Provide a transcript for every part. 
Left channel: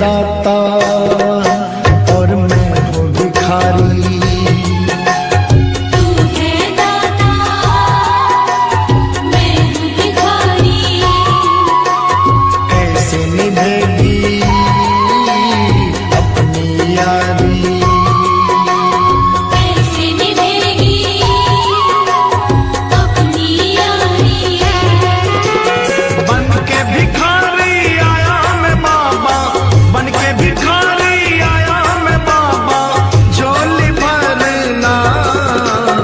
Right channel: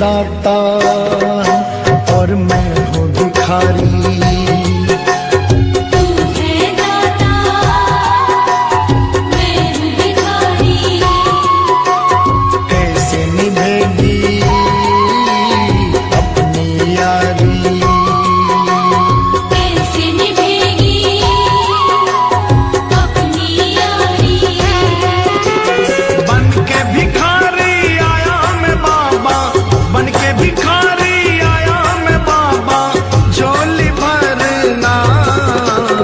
दाता और मैं हूँ भिखारी। तू है दाता, मैं हूँ भिखारी। कैसे निभेगी अपनी यारी, कैसे निभेगी अपनी यारी। बन के भिखारी आया मैं बाबा, बन के भिखारी आया मैं बाबा, झोली भरना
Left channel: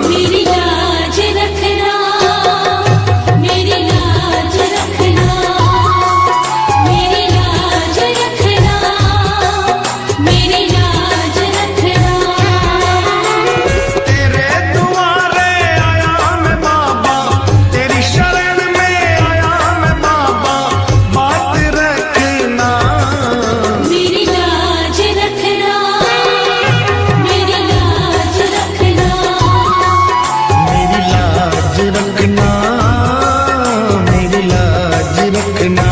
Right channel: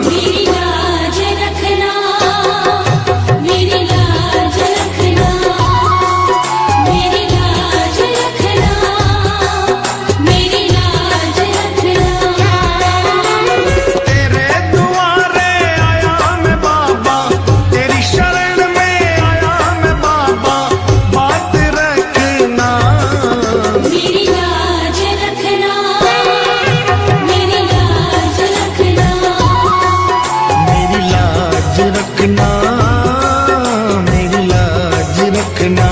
मेरी लाज रखना, मेरी लाज रखना, मेरी लाज रखना, मेरी लाज रखना। तेरे दुआरे आया मैं बाबा, तेरी शरण में आया मैं बाबा, बात रखना मेरी लाज रखना, मेरी लाज रखना। मेरी लाज रखना, मेरी लाज रखना।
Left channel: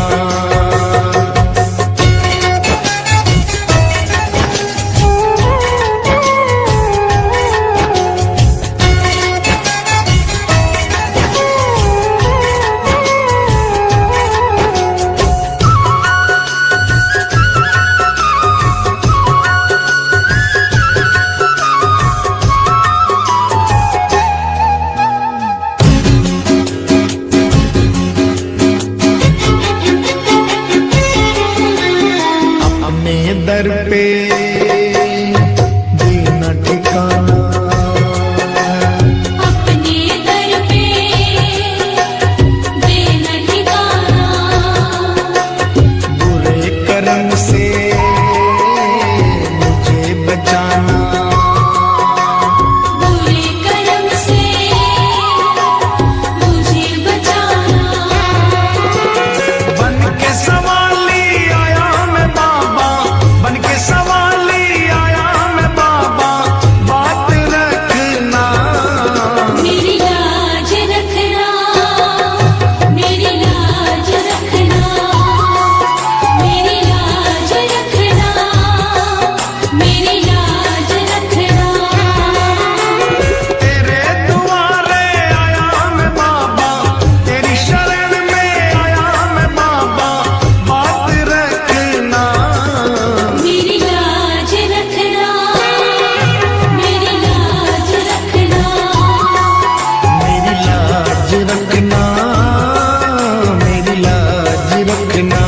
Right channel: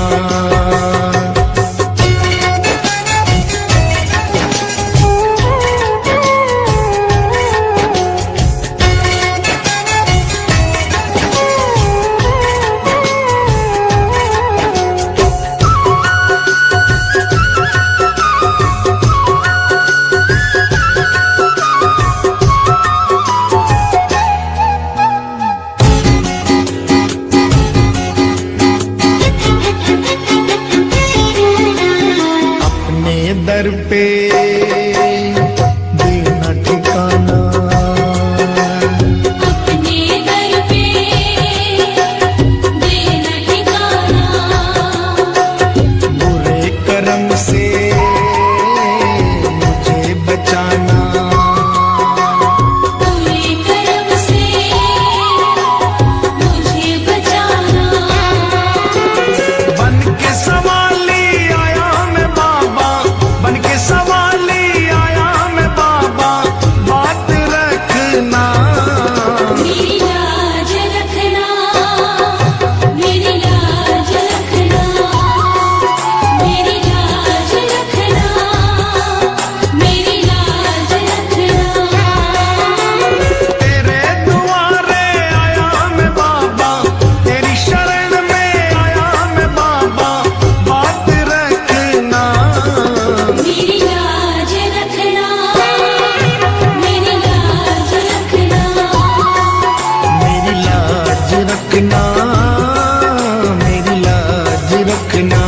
अपने दर पे देना ठिकाना, अपने दर पे देना ठिकाना। बुरे कर्म से मुझे बचाना, बुरे कर्म से मुझे बचाना। बन के सवाली आया मैं बाबा, बन के सवाली आया मैं बाबा, बात रखना मेरी लाज रखना, मेरी लाज रखना, मेरी लाज रखना, मेरी लाज रखना। तेरे दुआरे आया मैं बाबा, तेरी शरण में आया मैं बाबा, बात रखना मेरी लाज रखना, मेरी लाज रखना। मेरी लाज रखना, मेरी लाज रखना।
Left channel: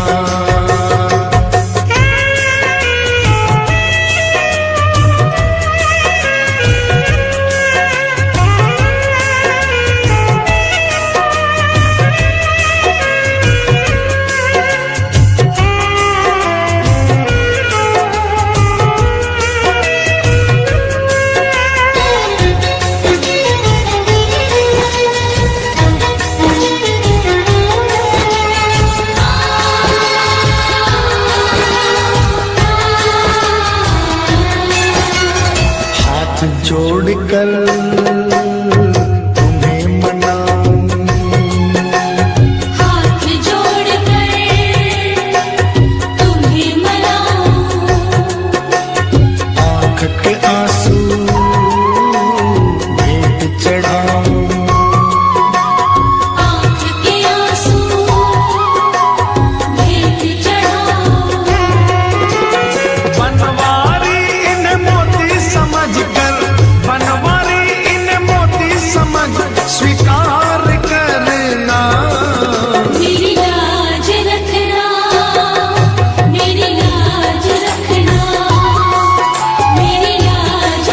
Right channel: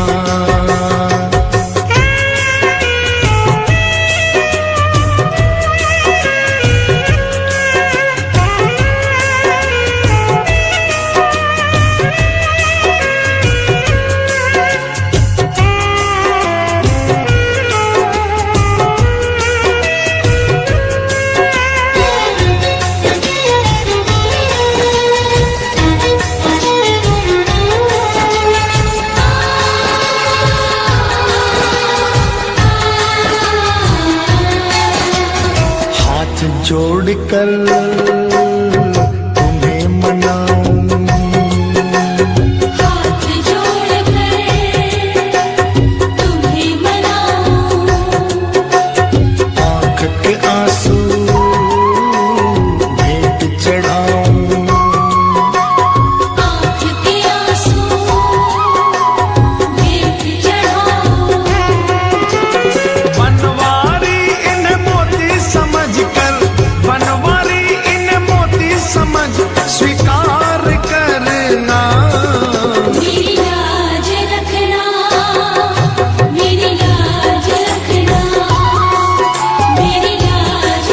हाथ जोड़कर तुम्हें मनाऊं, हाथ जोड़कर तुम्हें मनाऊं। आंख के आंसू भेंट चढ़ाऊं, आँख के आंसू भेंट चढ़ाऊं। बनवारी इन्हें मोती समझकर, बनवारी इन्हें मोती समझ स्वीकार करना मेरी लाज रखना, मेरी लाज रखना, मेरी लाज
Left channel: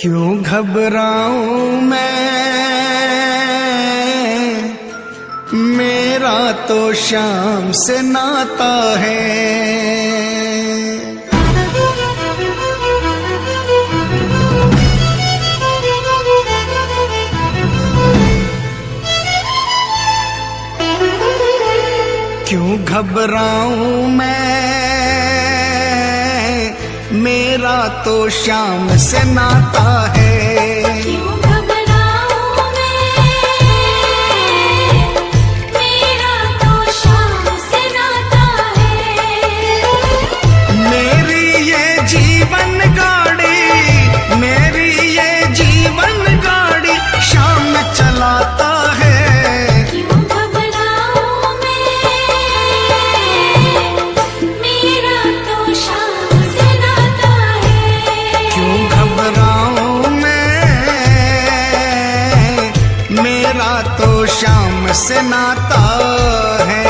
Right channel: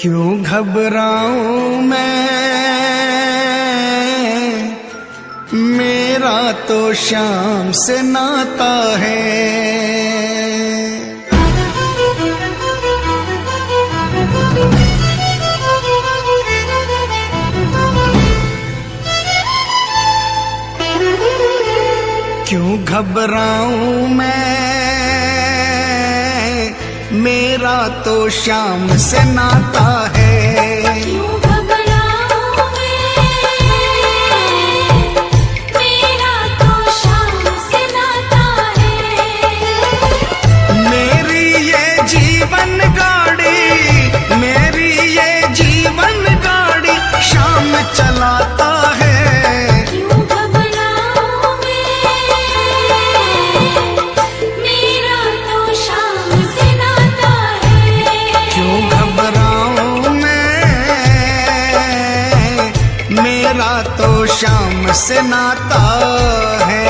क्यों घबराऊं मैं, मेरा तो शाम से नाता है। क्यों घबराऊं मैं, मेरा तो शाम से नाता है। क्यों घबराऊं मैं, मेरा तो शाम से नाता है। मेरी ये जीवन गाड़ी, मेरी ये जीवन गाड़ी शाम चलाता है। क्यों घबराऊं मैं, मेरा तो शाम से नाता है। क्यों घबराऊं मैं, मेरा तो शाम से नाता है।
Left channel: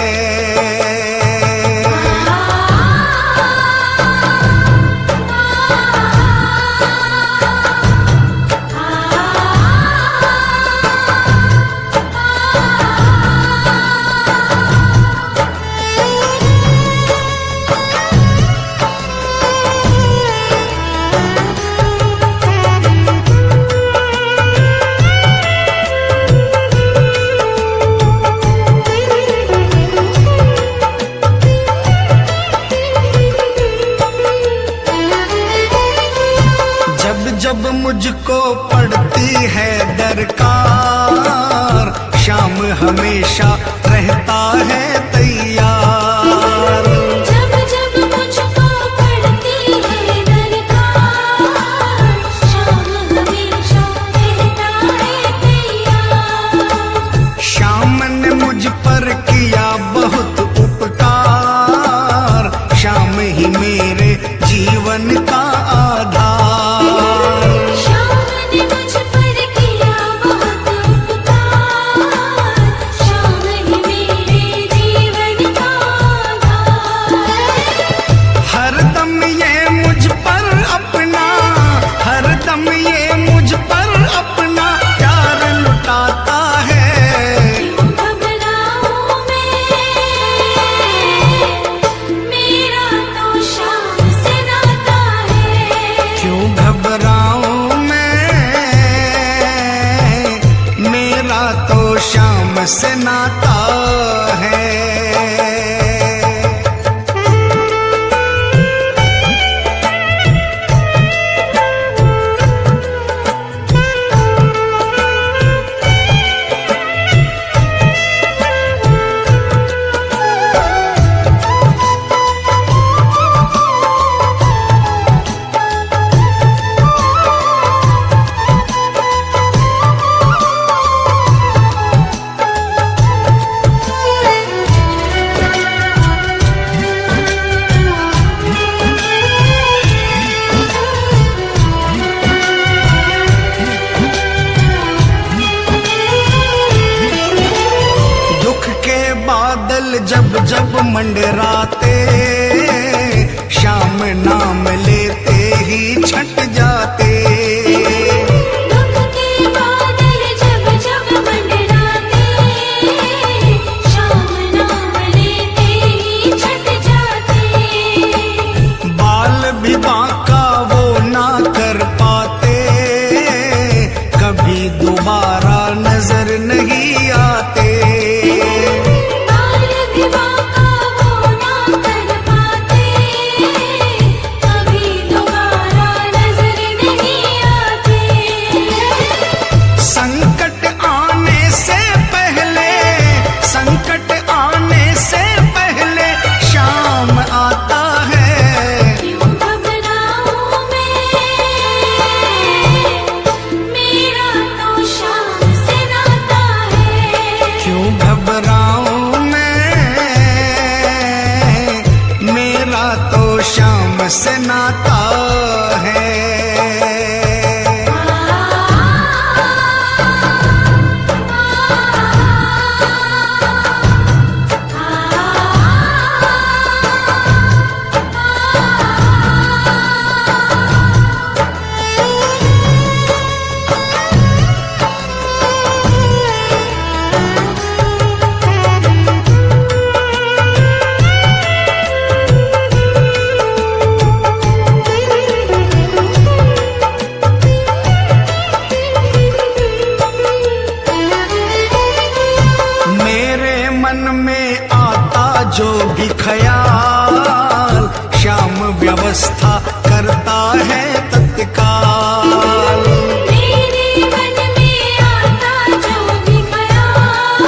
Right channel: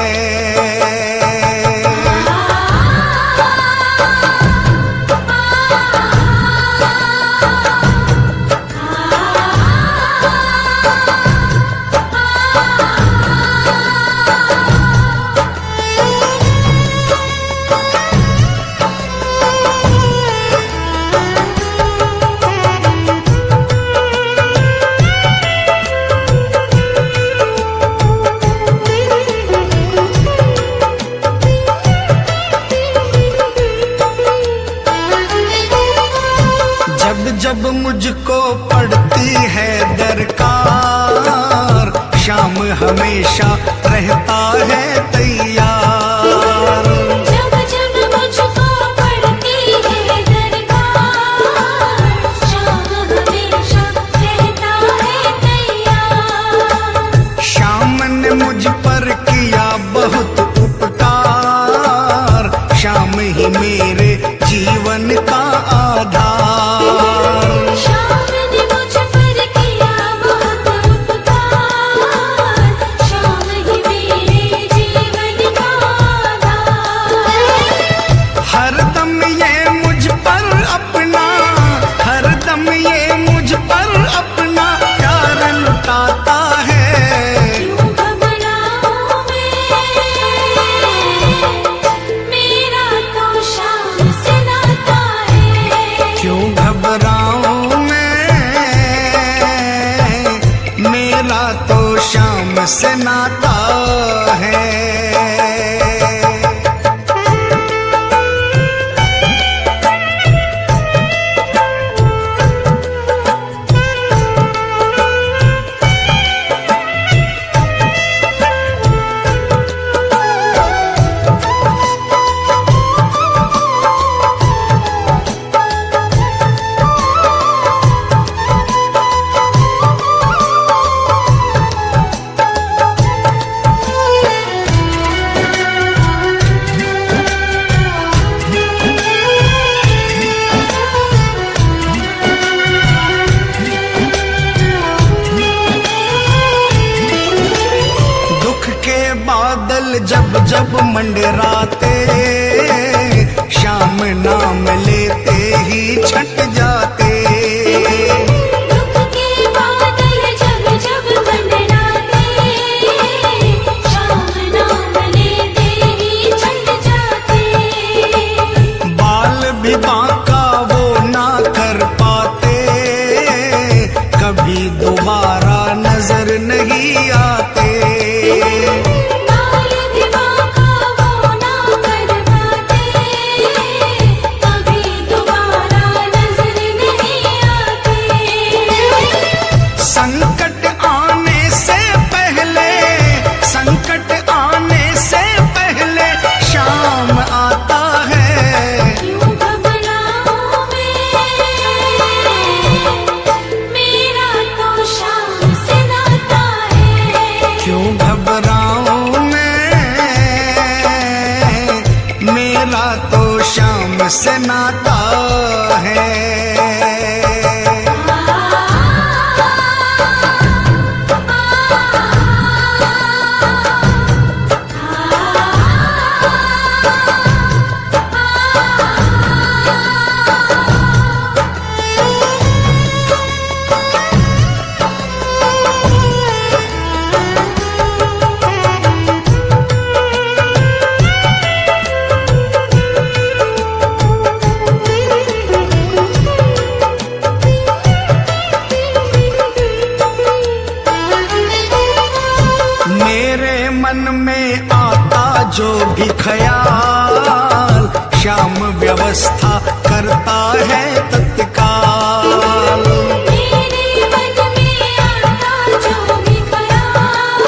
जब जब मुझको पड़ती है दरकार, शाम हमेशा रहता है तैयार। जब जब मुझको पड़ती है दरकार, शाम हमेशा रहता है तैयार। शाम ने मुझ पर किया बहुत उपकार, शाम ही मेरे जीवन का आधार। शाम ने मुझ पर किया बहुत उपकार, शाम ही मेरे जीवन का आधार। हरदम ये मुझ पर अपना, हरदम ये मुझ पर अपना प्यार लुटाता है। क्यों घबराऊं मैं, मेरा तो शाम से नाता है। क्यों घबराऊं मैं, मेरा तो शाम से नाता है। दुख के बादल जब जब मंडराते, शाम नाम लेते ही छट जाते। दुख के बादल जब जब मंडराते, शाम नाम लेते ही छट जाते। बाल भी बांका वो ना कर पाते, कभी दोबारा नजर नहीं आते। बाल भी बांका वो ना कर पाते, कभी दोबारा नजर नहीं आते। संकट आने से पहले, संकट आने से पहले शाम आता है। क्यों घबराऊं मैं, मेरा तो शाम से नाता है। क्यों घबराऊं मैं, मेरा तो शाम से नाता है। जो भी ख्याल, श्याम व्यवस्था करता है तत्काल। मेरे मन में आता जो भी ख्याल,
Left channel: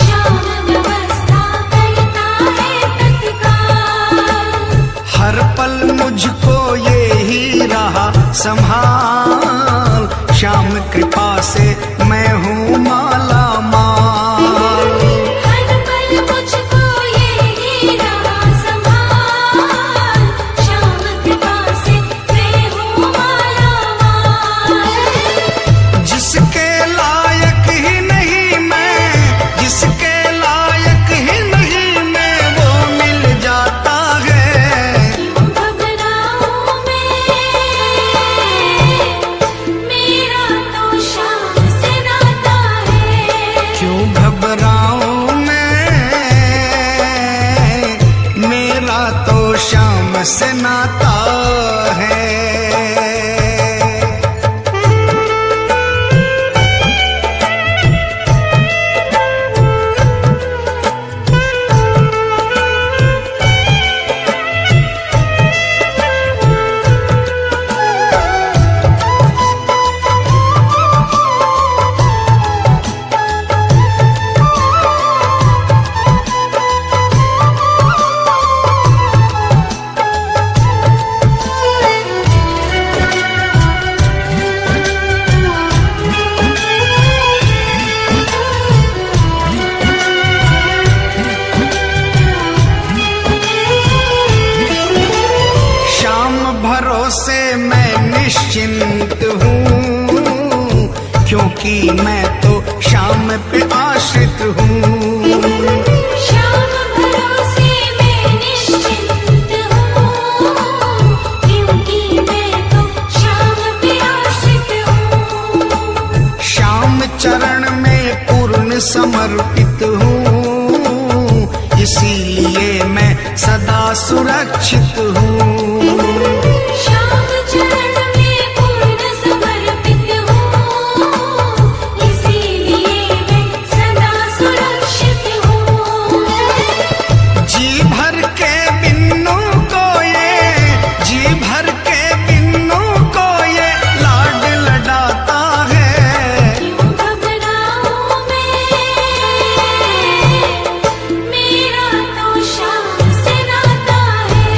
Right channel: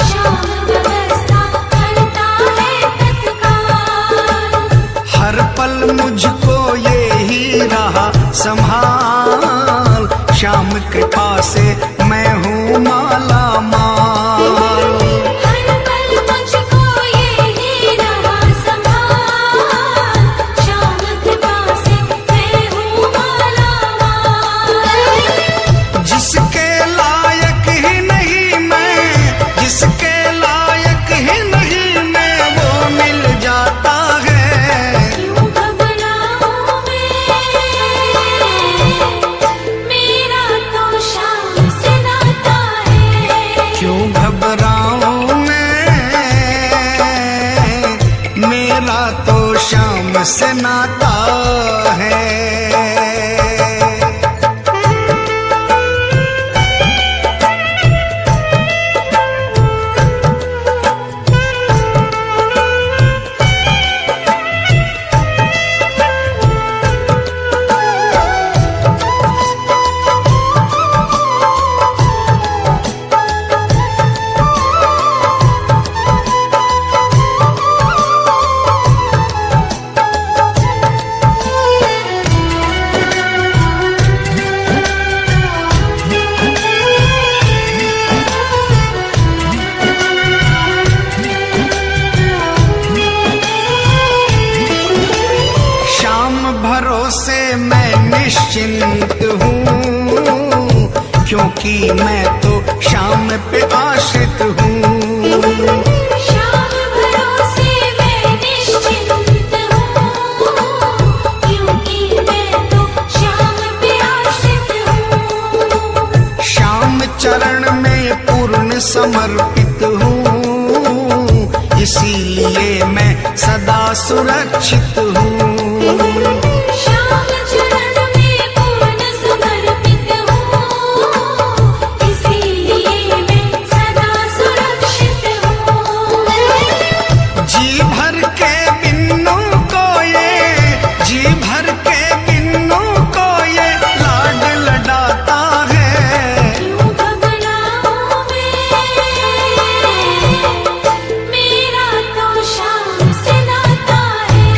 श्याम व्यवस्था करता है तत्काल। हर पल मुझको ये ही रहा संभाल, श्याम कृपा से मैं हूँ माला माल। हर पल मुझको ये ही रहा संभाल, श्याम कृपा से मैं हूँ माला माल। जिसके लायक ही नहीं मैं, जिसके लायक ही नहीं मैं, वो मिल जाता है। क्यों घबराऊं मैं, मेरा तो श्याम से नाता है। क्यों घबराऊं मैं, मेरा तो श्याम से नाता है। श्याम भरोसे मैं निश्चिंत हूँ, क्योंकि मैं तो श्याम पे आश्रित हूँ। श्याम भरोसे मैं निश्चिंत हूँ, क्योंकि मैं तो श्याम पे आश्रित हूँ। श्याम चरण में पूर्ण समर्पित हूँ, इसीलिए मैं सदा सुरक्षित हूँ। श्याम चरण में पूर्ण समर्पित हूँ, इसीलिए मैं सदा सुरक्षित हूँ। जी भर के बिन्नू को ये, जी भर के बिन्नू को ये लाड लडाता है। क्यों घबराऊं मैं, मेरा तो श्याम से नाता है।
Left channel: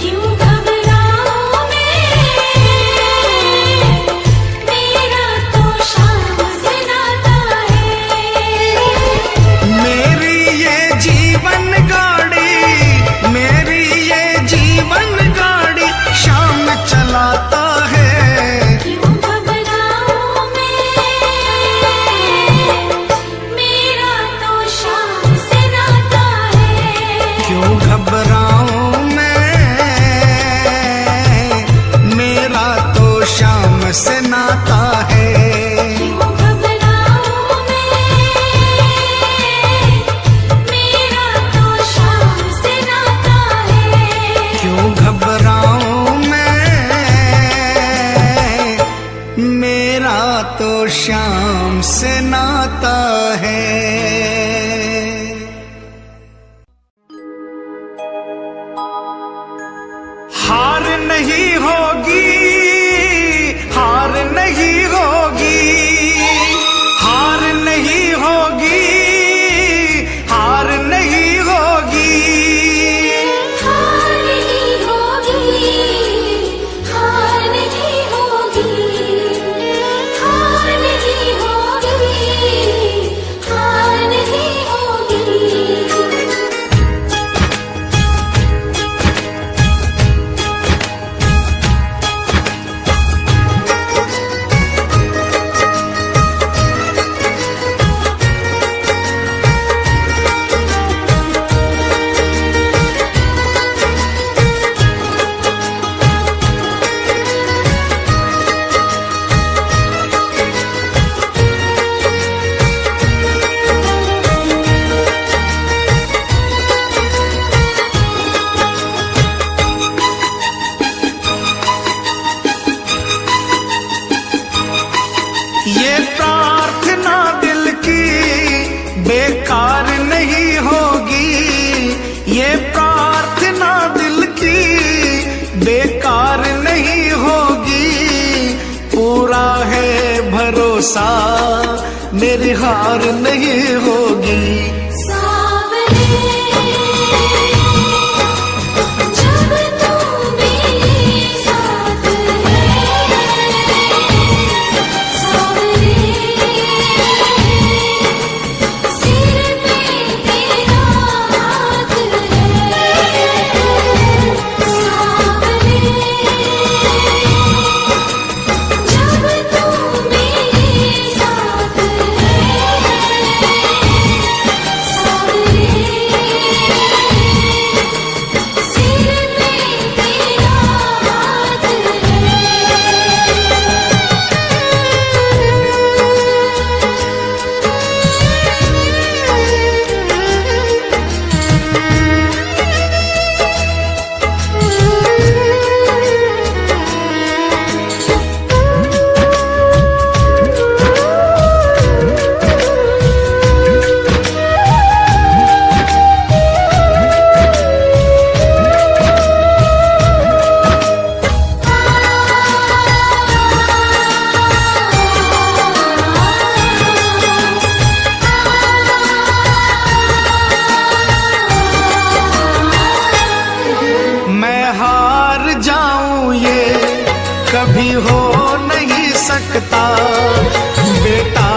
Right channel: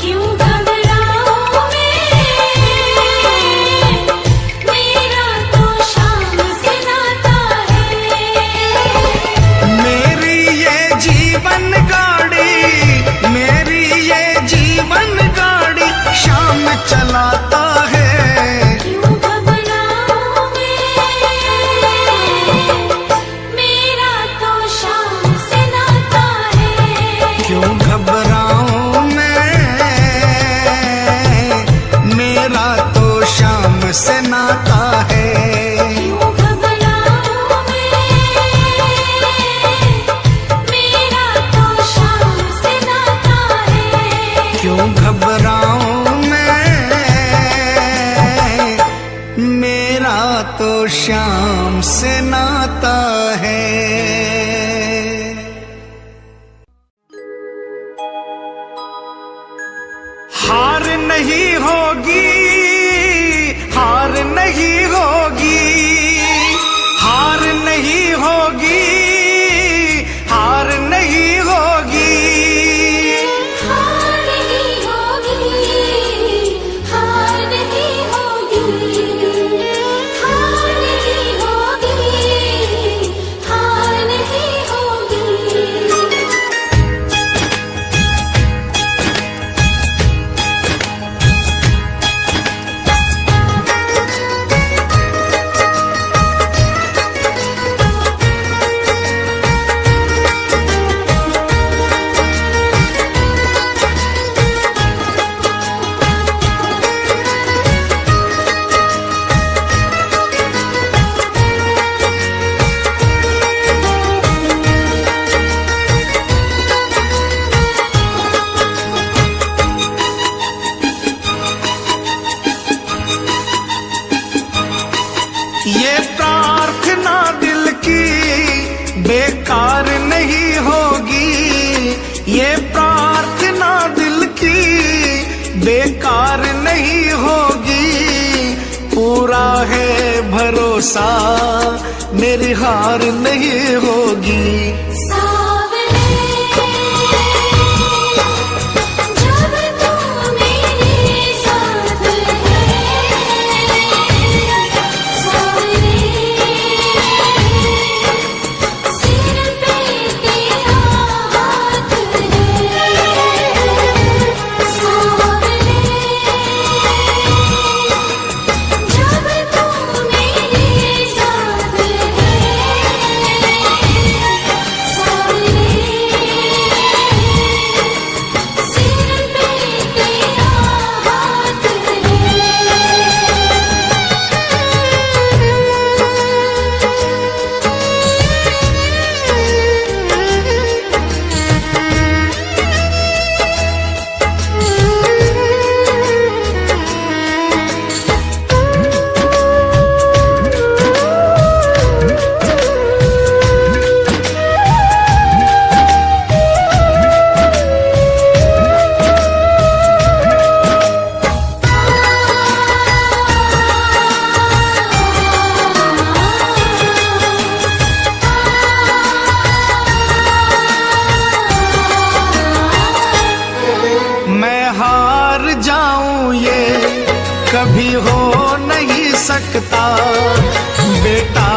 क्यों घबराऊं मैं, मेरा तो श्याम से नाता है। मेरी ये जीवन गाड़ी, मेरी ये जीवन गाड़ी श्याम चलाता है। क्यों घबराऊं मैं, मेरा तो श्याम से नाता है। क्यों घबराऊं मैं, मेरा तो श्याम से नाता है। क्यों घबराऊं मैं, मेरा तो श्याम से नाता है। क्यों घबराऊं मैं, मेरा तो श्याम से नाता है। हार नहीं होगी, हार नहीं होगी, हार नहीं होगी, हार नहीं होगी। हार नहीं होगी, हार नहीं होगी, हार नहीं होगी, हार नहीं होगी। ये प्रार्थना दिल की बेकार नहीं होगी, ये प्रार्थना दिल की बेकार नहीं होगी। पूरा है भरोसा मेरी हार नहीं होगी। सावरे जब तू मेरे साथ है, सावरे सिर पे तेरा हाथ है, सावरे जब तू मेरे साथ मैं हार जाऊं ये कभी हो नहीं सकता। बेटा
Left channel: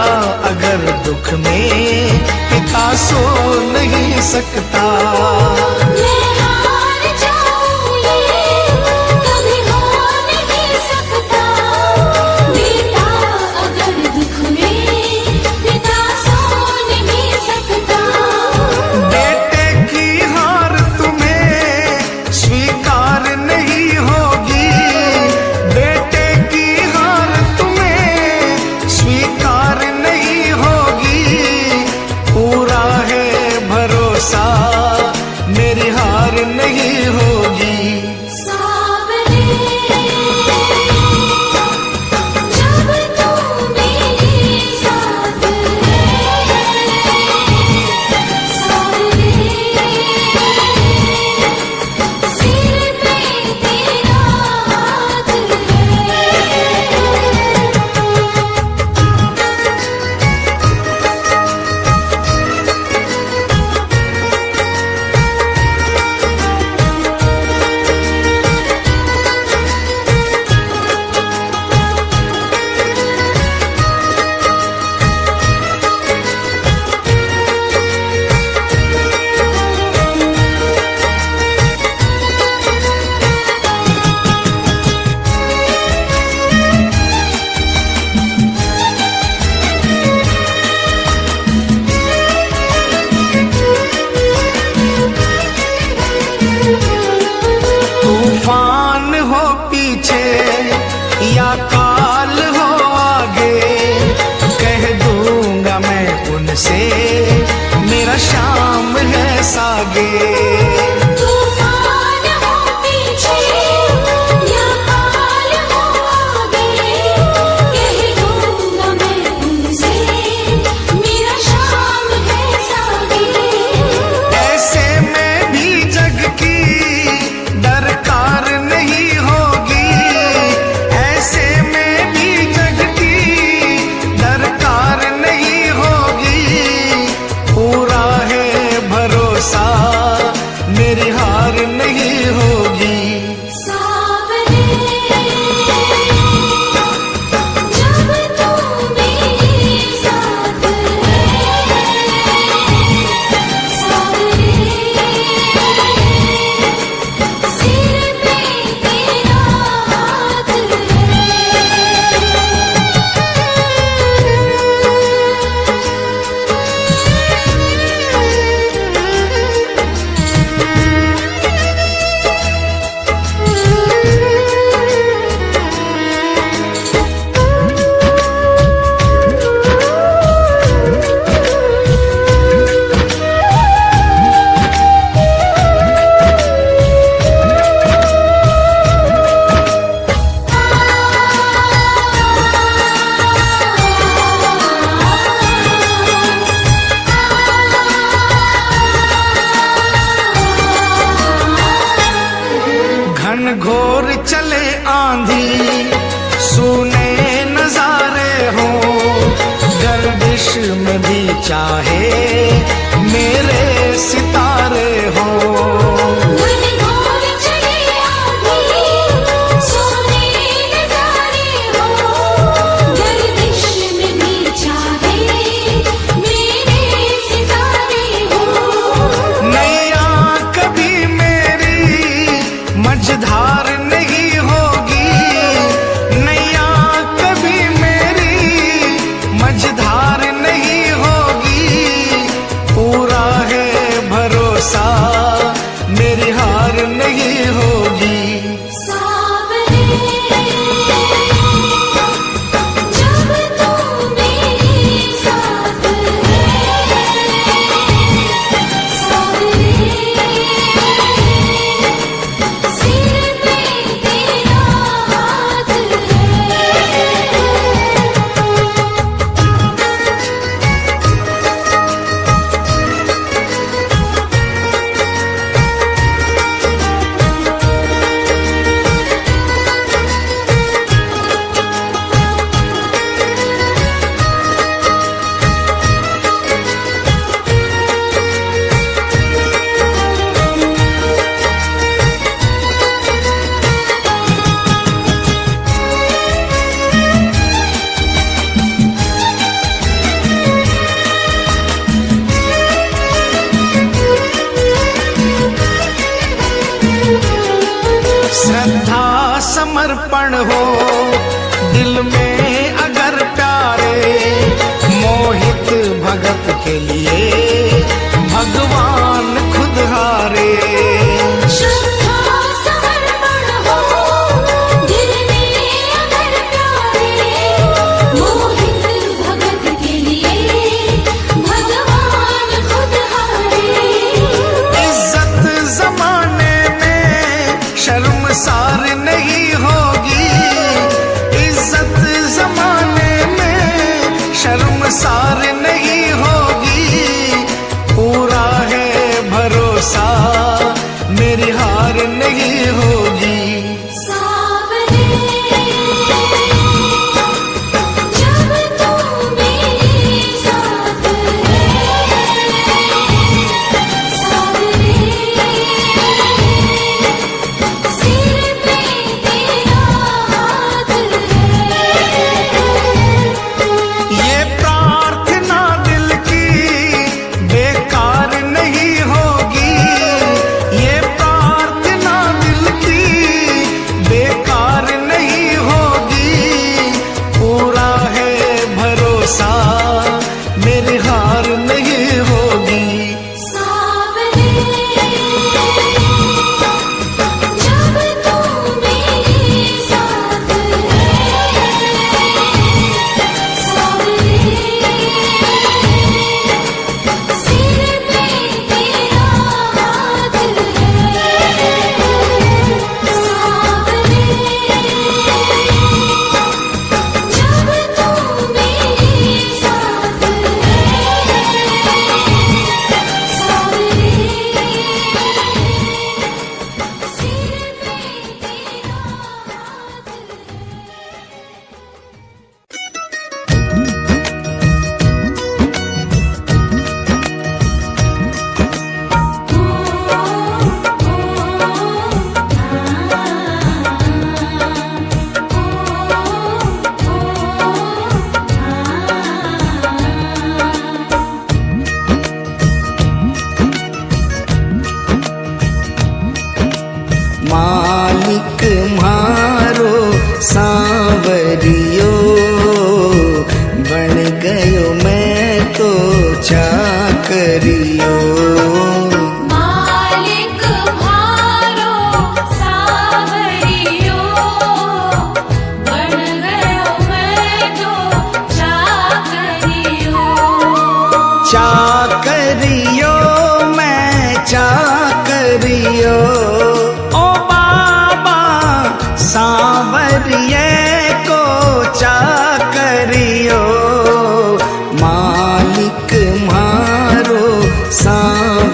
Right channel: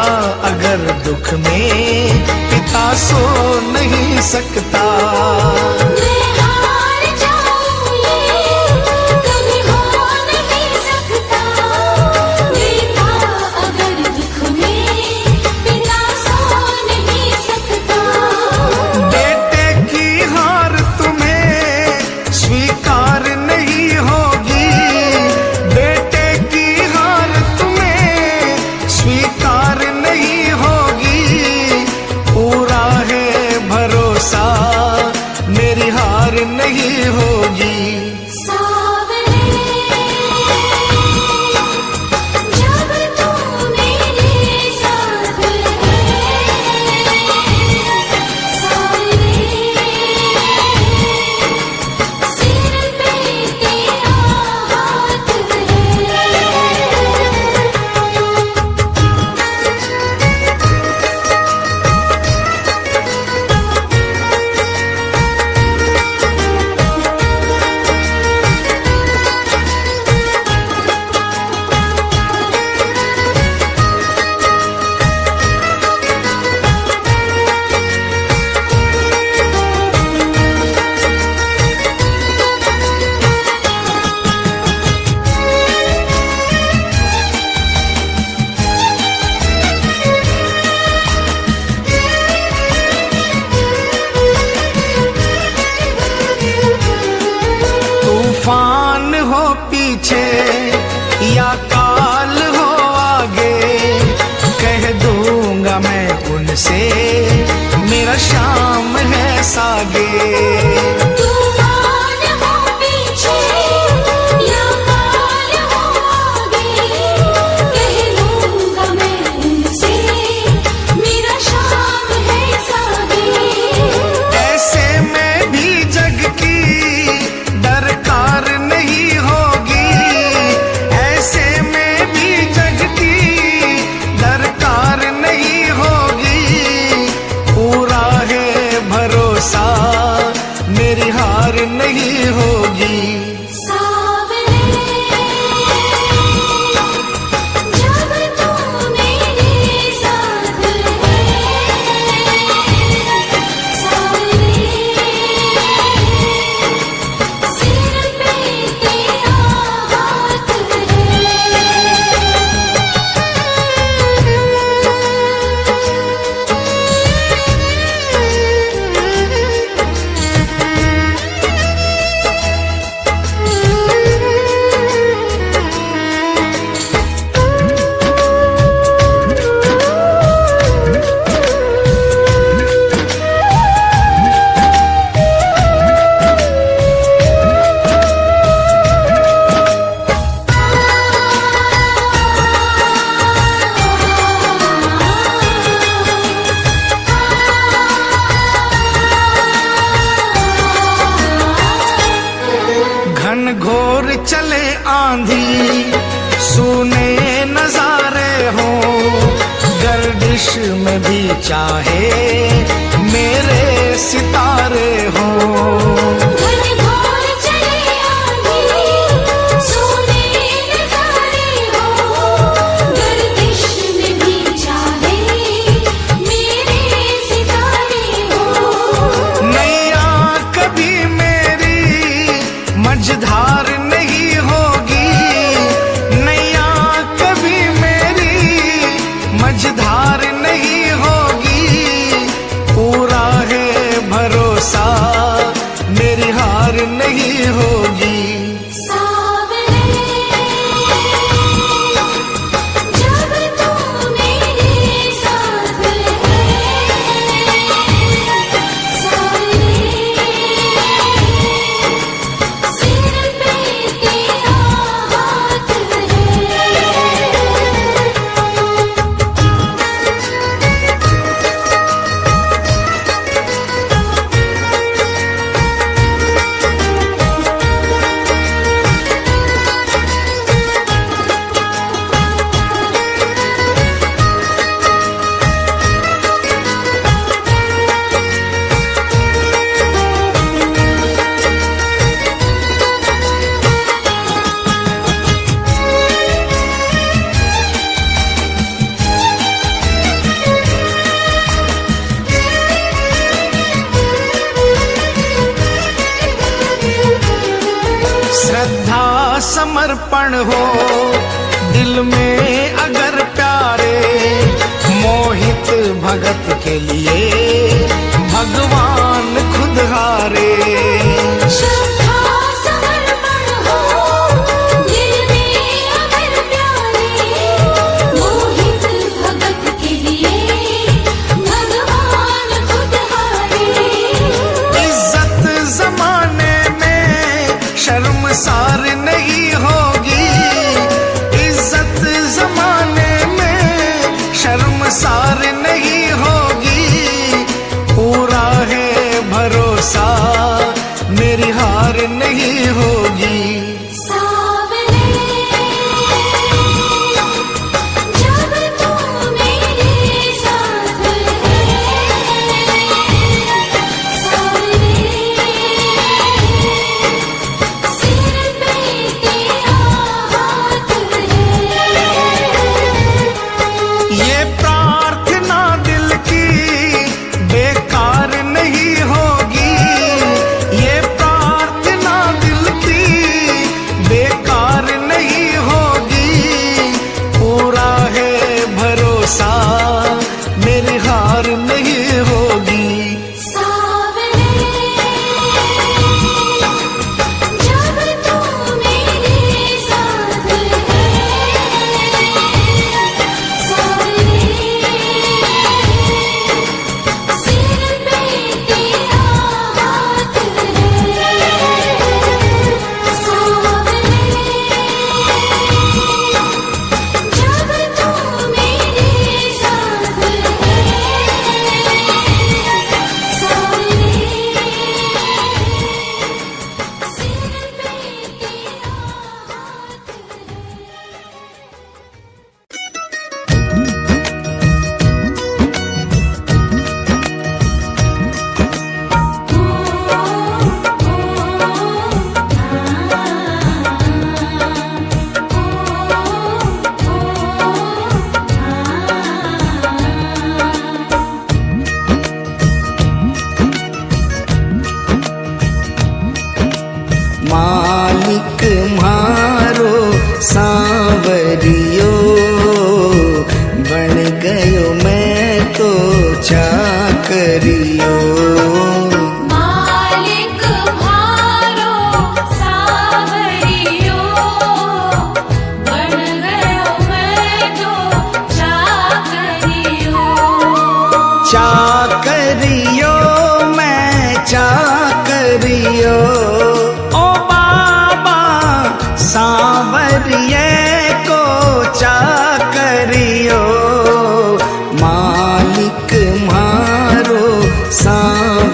अगर दुख में पिता सो नहीं सकता। मैं हार जाऊं ये कभी हो नहीं सकता। बेटा अगर दुख में पिता सो नहीं सकता। बेटे की हार तुम्हें स्वीकार नहीं होगी। बेटे की हार तुम्हें स्वीकार नहीं होगी। पूरा है भरोसा मेरी हार नहीं होगी। सावरे जब तू मेरे साथ है, सावरे सिर पे तेरा हाथ है। तूफान हो पीछे या काल हो आगे, कह दूंगा मैं उनसे मेरा शाम है सागे। तूफान हो पीछे या काल हो आगे, कह दूंगा मैं उनसे मेरा शाम है सागे। ऐसे में भी जग की दरकार नहीं होगी। ऐसे में भी जग की दरकार नहीं होगी। पूरा है भरोसा मेरी हार चले आंधी, सुने नजारे हो, गर्दिश में भी चाहे मेरे सितारे हो। नैया कभी मेरी मझधार नहीं होगी, नैया कभी मेरी मझधार नहीं होगी, पूरा है भरोसा मेरी हार नहीं होगी। श्रद्धा समर्पण हो दिल में अगर प्यारे, मोहित भगत के लिए भगवान खुद हारे। श्रद्धा समर्पण हो दिल में अगर प्यारे, मोहित भगत के लिए भगवान खुद हारे। इज्जत जमाने में शर्मसार नहीं होगी, इज्जत जमाने में शर्मसार नहीं होगी, पूरा है भरोसा मेरी हार नहीं होगी। ये प्रार्थना दिल की बेकार नहीं होगी, ये प्रार्थना दिल की बेकार नहीं होगी, पूरा है भरोसा मेरी हार नहीं होगी। मालिक मारो सांवरियो, बन गयो मैं तो चाकरियो। मालिक मारो सांवरियो, बन गयो मैं तो चाकरियो। चाकरियो मैं चाकरियो, ओ बाबा सांवरिये को चाकरियो। मालिक मारो सांवरियो,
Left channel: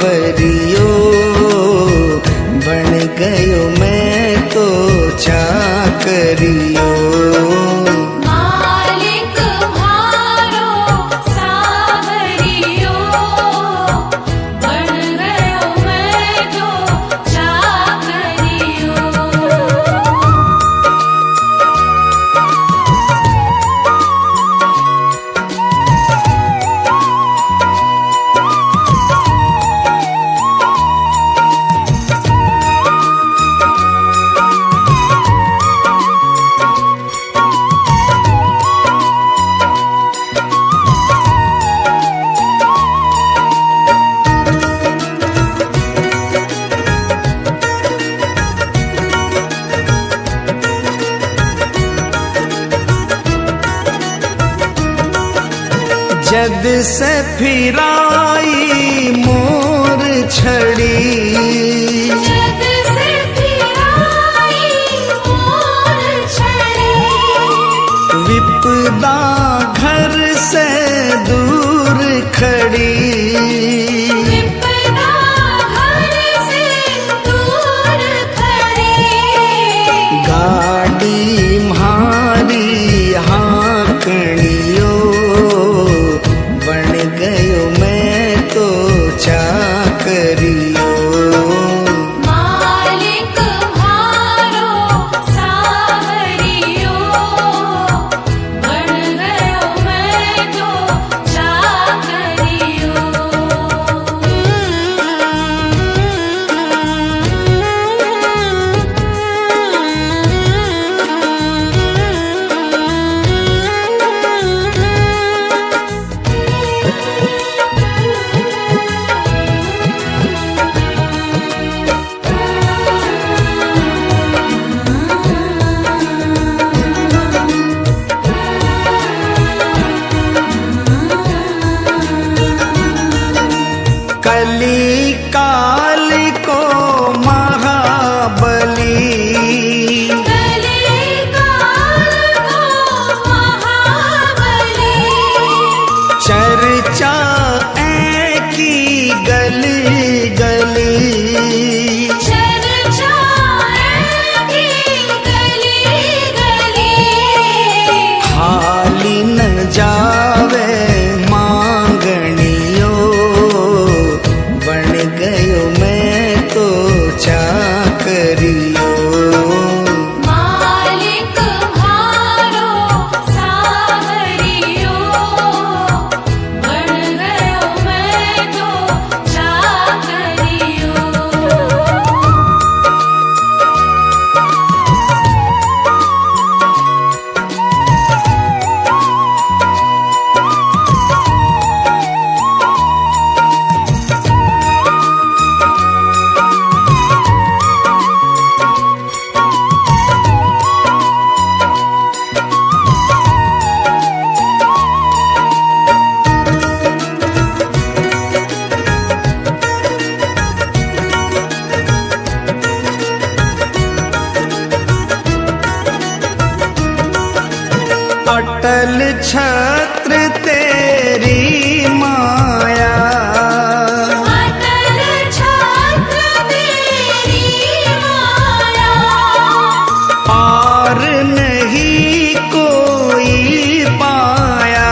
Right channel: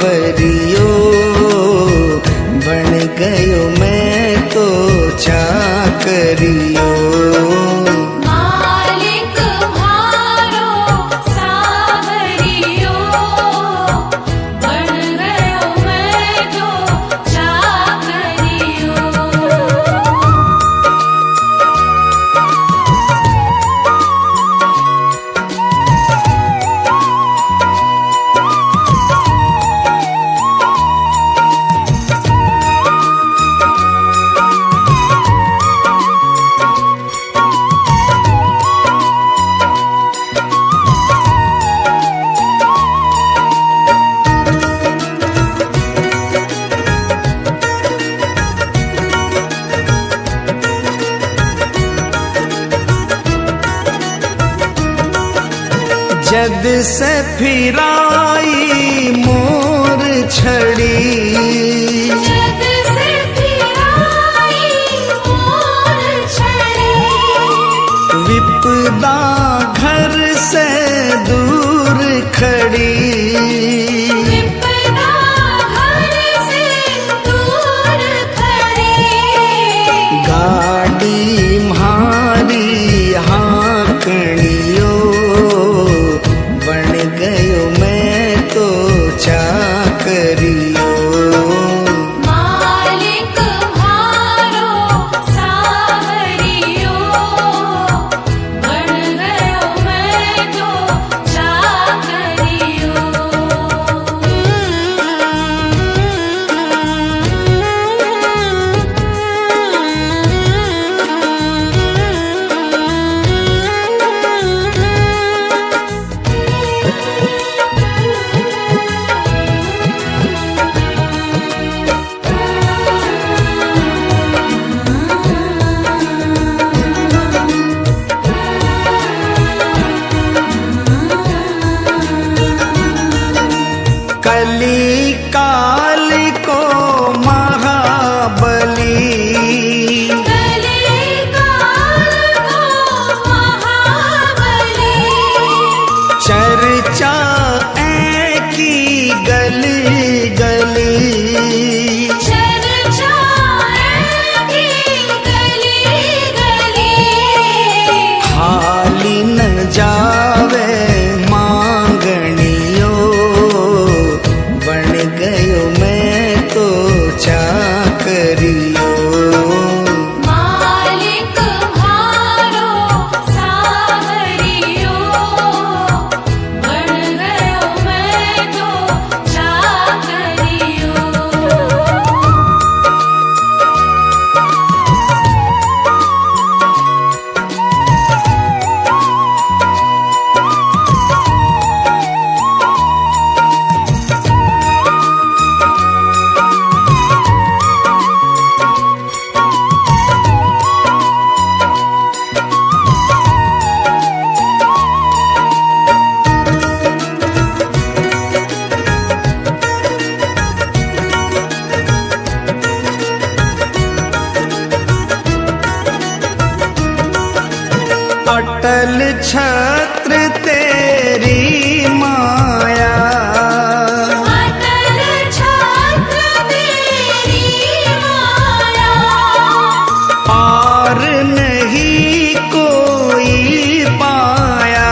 जद से फिराई मोर छड़ी, जद से फिराई मोर छड़ी, विपदा घर से दूर खड़ी, विपदा घर से दूर खड़ी, गाड़ी म्हारी हाँकड़ियो, बन गयो मैं तो चाकरियो। मालिक म्हारो सावरियो, बन गयो मैं तो चाकरियो। कली काल को महाबली, कली काल को महाबली, चर्चा की गली गली, चर्चा की गली गली, खाली न जावे मांगनियो, बन गयो मैं तो चाकरियो। मालिक म्हारो सावरियो, बन गयो मैं तो चाकरियो। अटल छत्र तेरी माया, अटल छत्र तेरी माया, पार नहीं कोई पाया,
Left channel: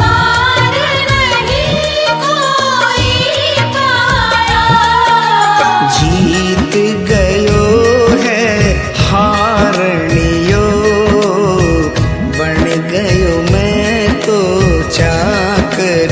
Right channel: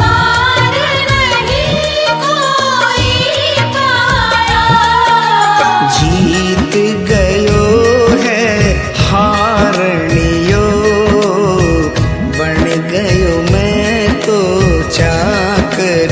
पार नहीं कोई पाया, जीत गयो है हारनियो, बन गयो मैं तो चाकर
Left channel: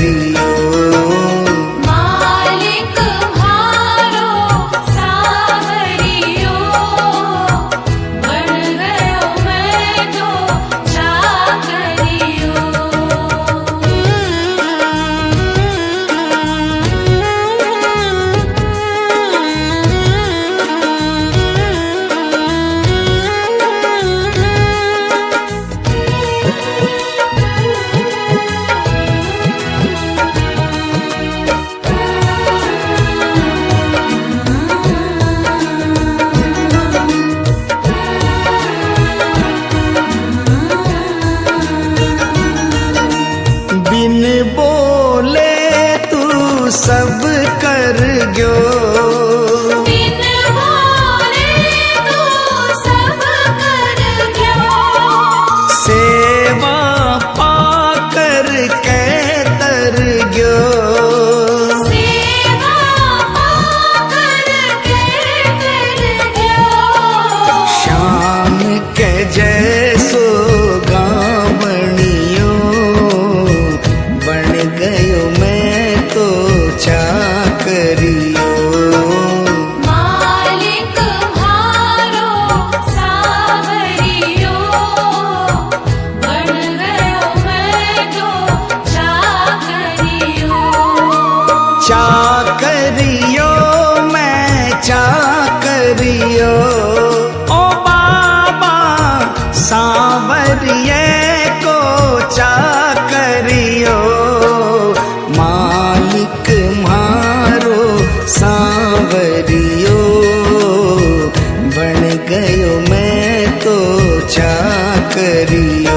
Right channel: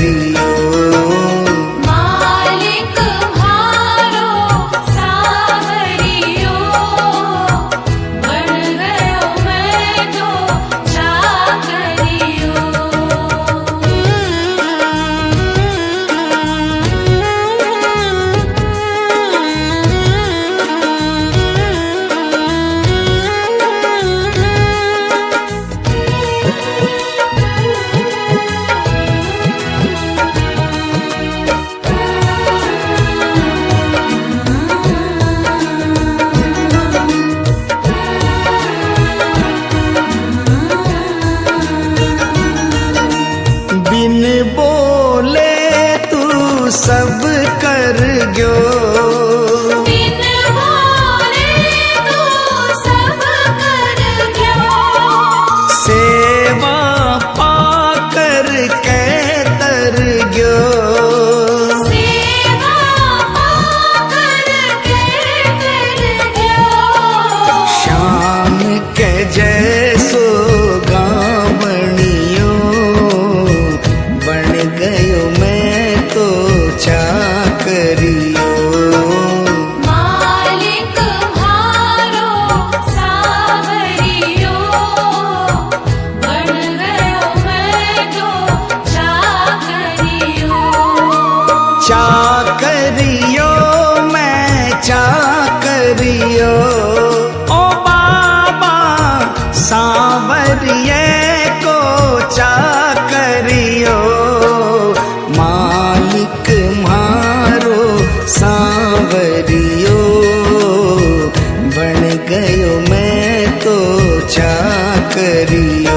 करियो।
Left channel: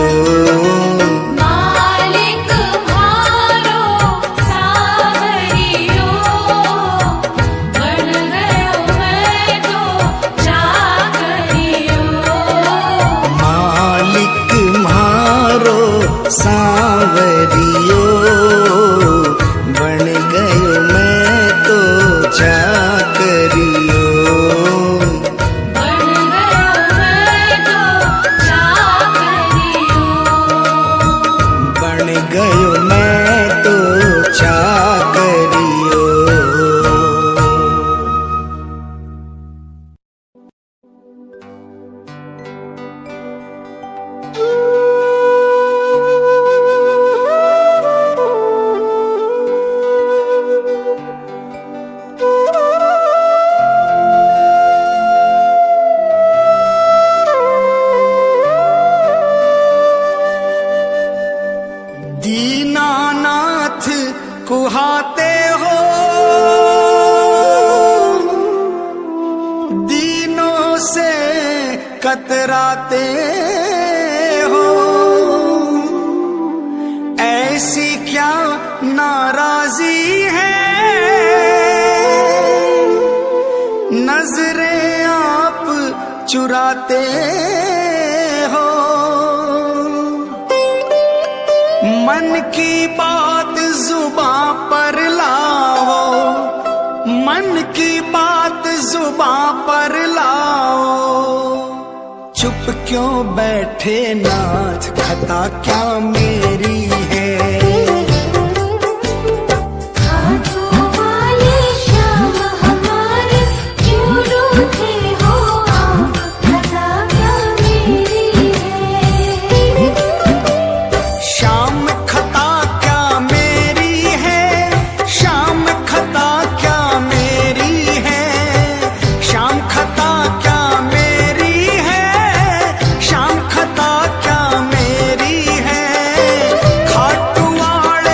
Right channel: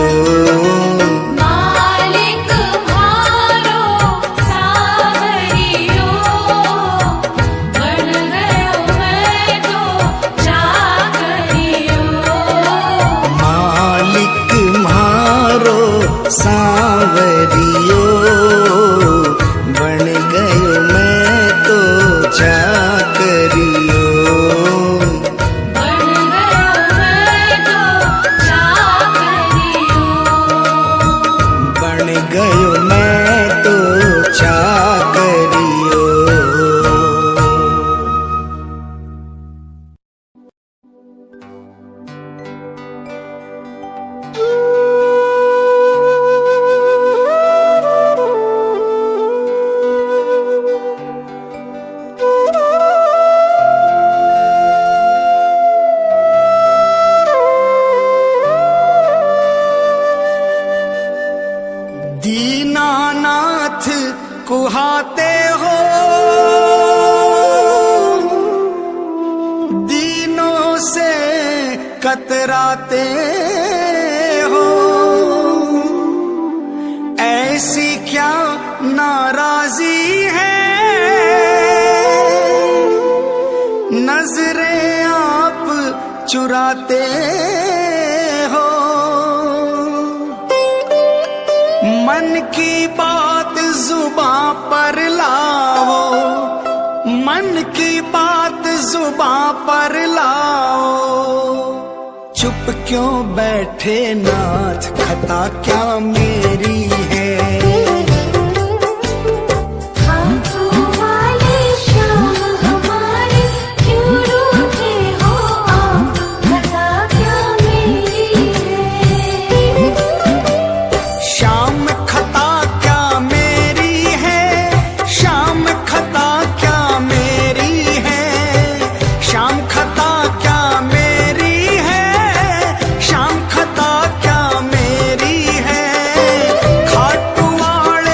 मालिक म्हारो सावरियो, बन गयो मैं तो चाकरियो। मालिक म्हारो सांवरियो, बन गयो मैं तो चाकरियो। बन गयो मैं तो चाकरियो। बन गयो मैं तो चाकरियो। दीनानाथ कुहाते हो, दीनों से कतराते हो। ऐसी क्या नाराजी है, नजरें आप चुराते हो। मन की बात जुबां पर लाओ, मन की बात जुबां पर लाओ। चुप क्यों बैठे नाथ, खता क्या मेरी है। हाथों वाले श्याम हमारे क्यों रूठे हो आप, खता क्या मेरी है। शाम खता क्या मेरी है, शाम खता क्या मेरी है। शाम खता क्या मेरी है, शाम खता क्या मेरी है। खाटू वाले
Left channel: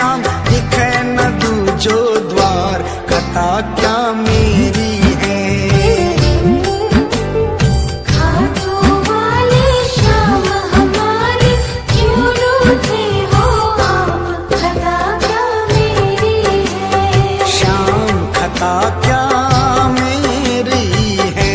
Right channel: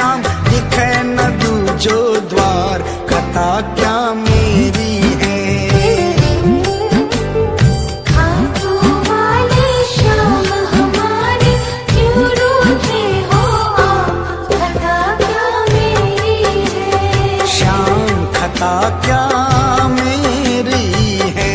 श्याम दिखे न दूजो द्वार, खता क्या मेरी है। खाटू वाले श्याम हमारे क्यों रूठे हो आप, खता क्या मेरी है। श्याम खता क्या मेरी है।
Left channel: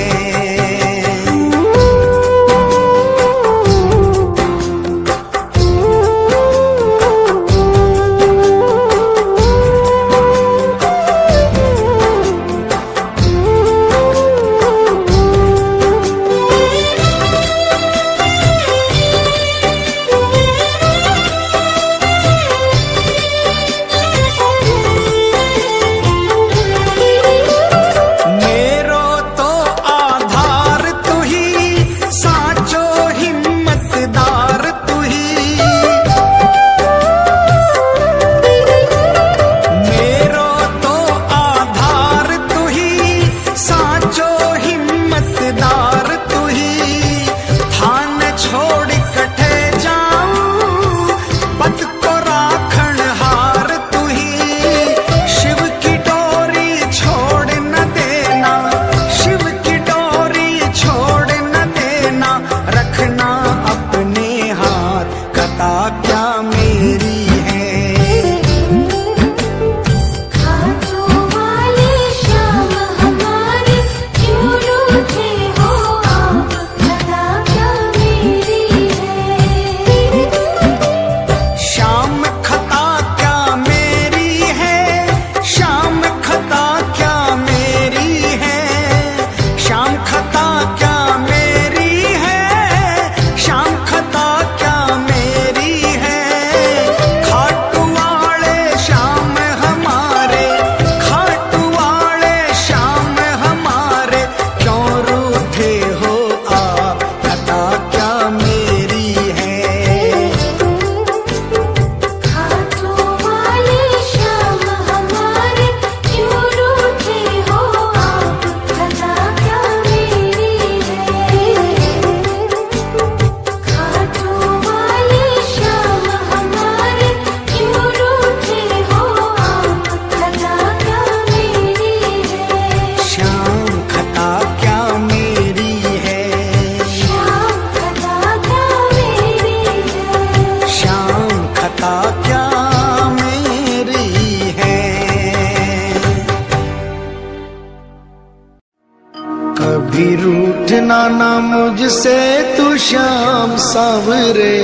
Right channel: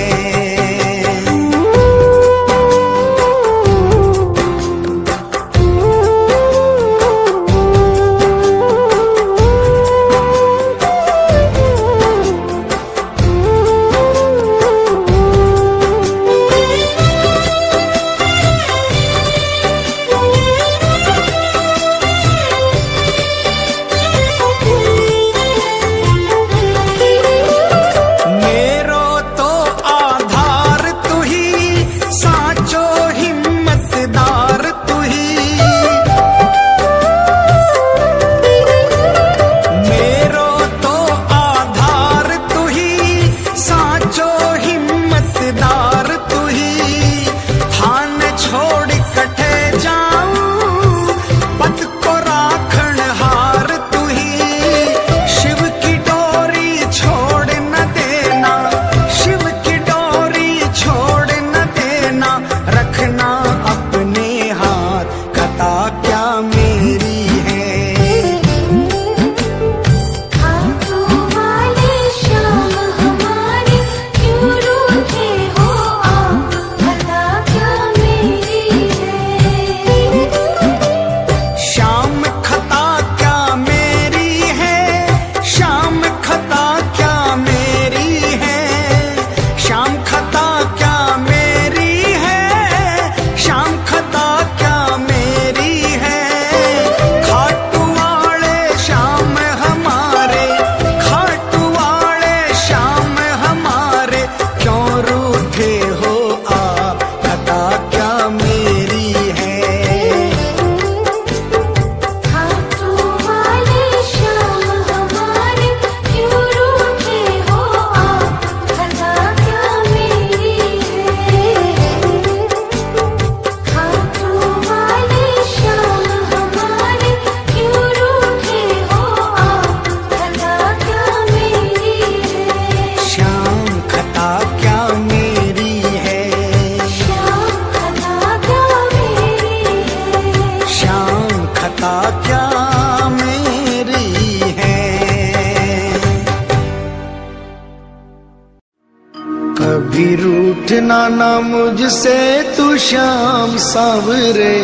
कभी रूठना ना मुझसे तू श्याम सांवरे,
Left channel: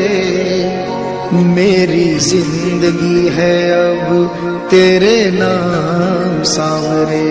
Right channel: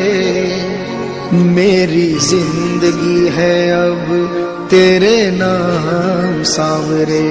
मेरी जिंदगी है अब तेरे नाम सांवरे।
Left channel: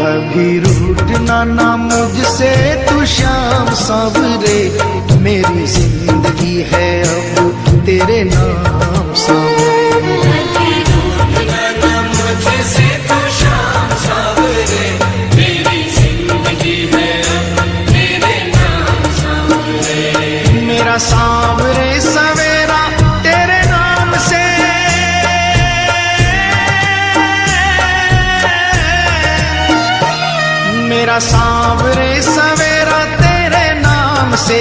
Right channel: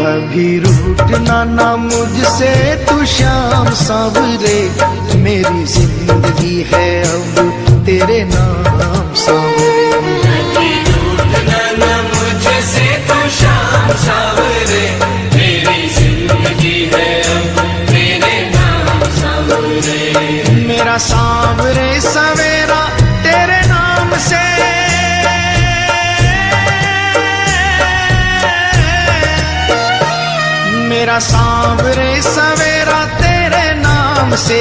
कभी रूठना ना मुझसे तू श्याम सांवरे, मेरी जिंदगी है अब तेरे नाम सांवरे। मेरा सांवरे सवेरा तेरे नाम से, मेरा सांवरे सवेरा तेरे नाम से,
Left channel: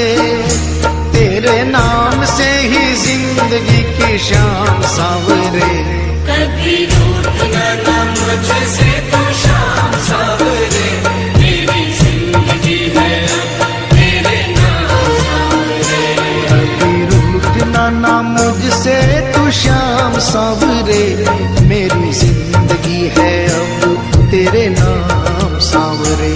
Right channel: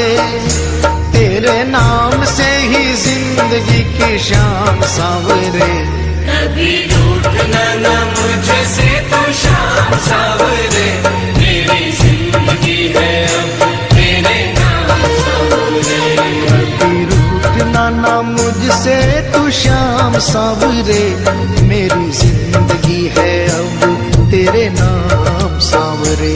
तेरे नाम से ही जिंदगी की शाम सांवरे। कभी रूठना ना मुझसे तू श्याम सांवरे, मेरी जिंदगी है अब तेरे नाम सांवरे।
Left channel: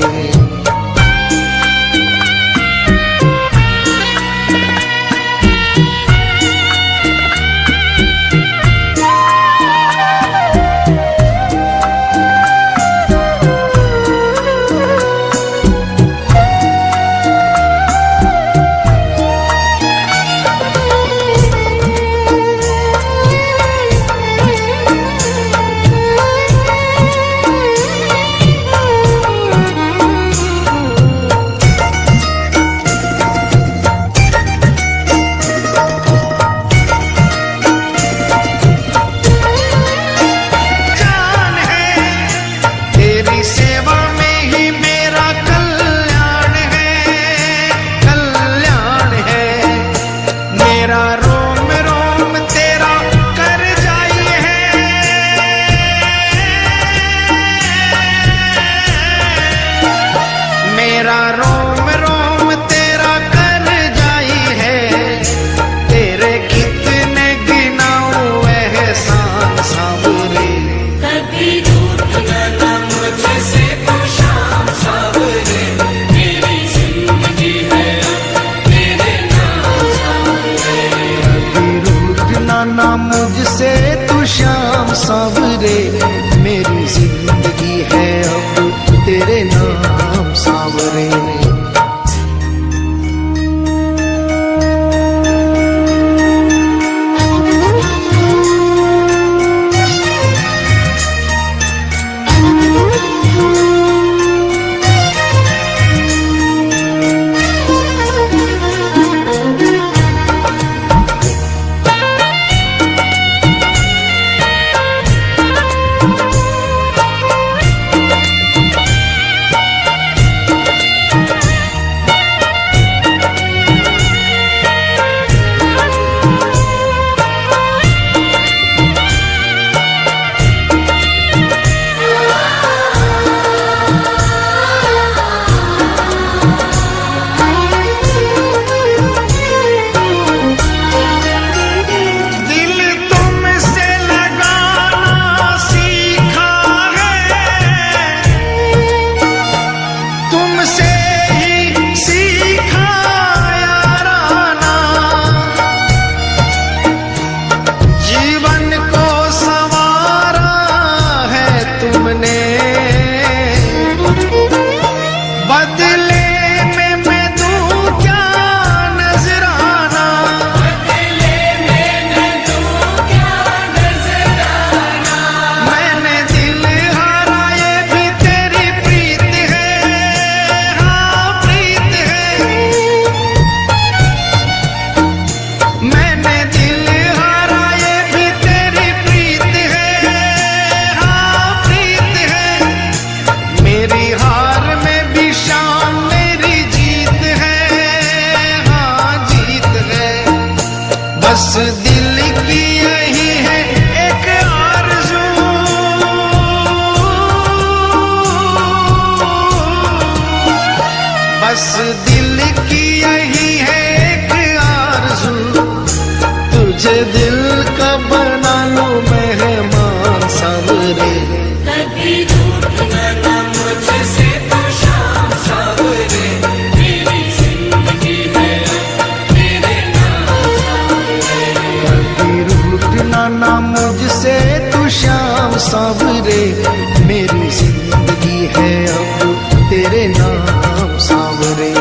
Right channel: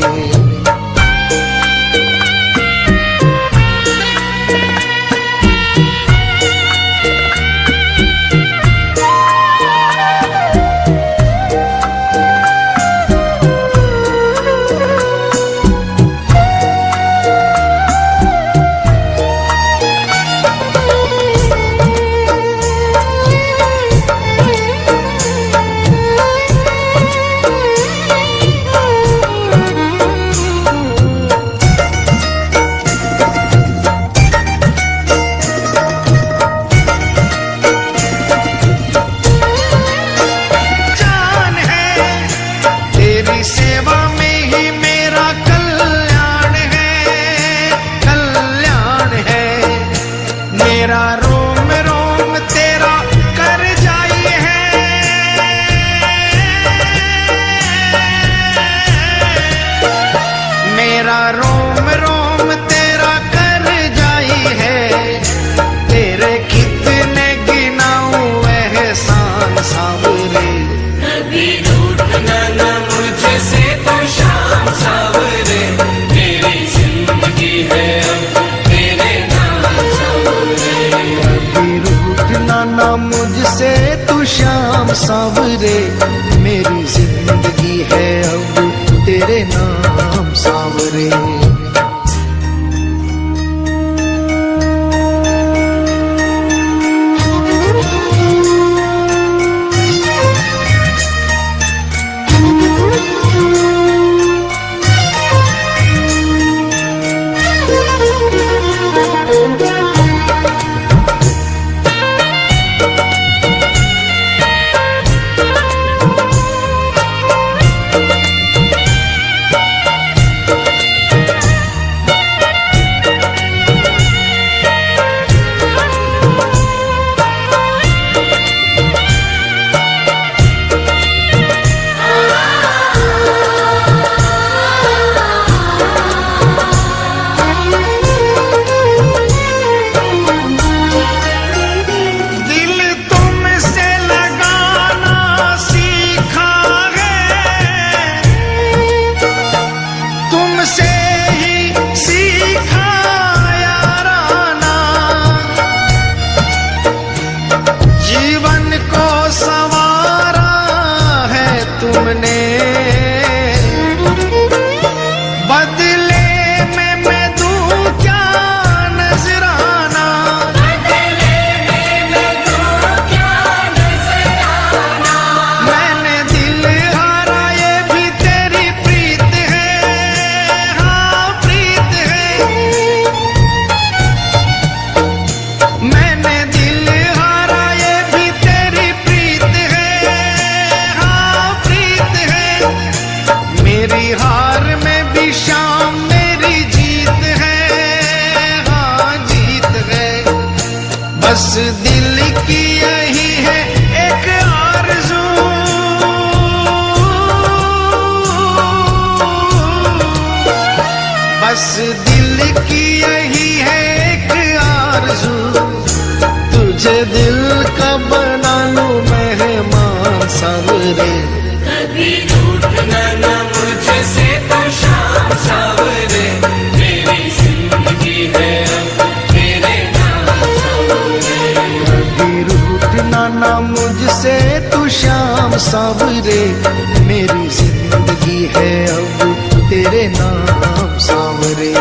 मेरा रोम रोम तेरा कर जाई है, तेरे कितने गिनाऊं एहसान सांवरे। कभी रूठना ना मुझसे तू श्याम सांवरे, मेरी जिंदगी है अब तेरे नाम सांवरे। बदले में मैं दूं क्या नजराना, मैंने दिल हारा ये भी तेरी प्रीत है, हाँ प्रीत है। मैंने दिल हारा ये भी तेरी प्रीत है, हाँ प्रीत है। मेरी हार में भी शाम मेरी जीत है, हाँ जीत है। बस दिल की यही है एक आरज़ू, बस दिल की यही है एक आरज़ू, तुझे दिल का बना लूं मेहमान सांवरे। रूठना ना मुझसे तू श्याम सांवरे, मेरी जिंदगी है अब तेरे नाम सांवरे।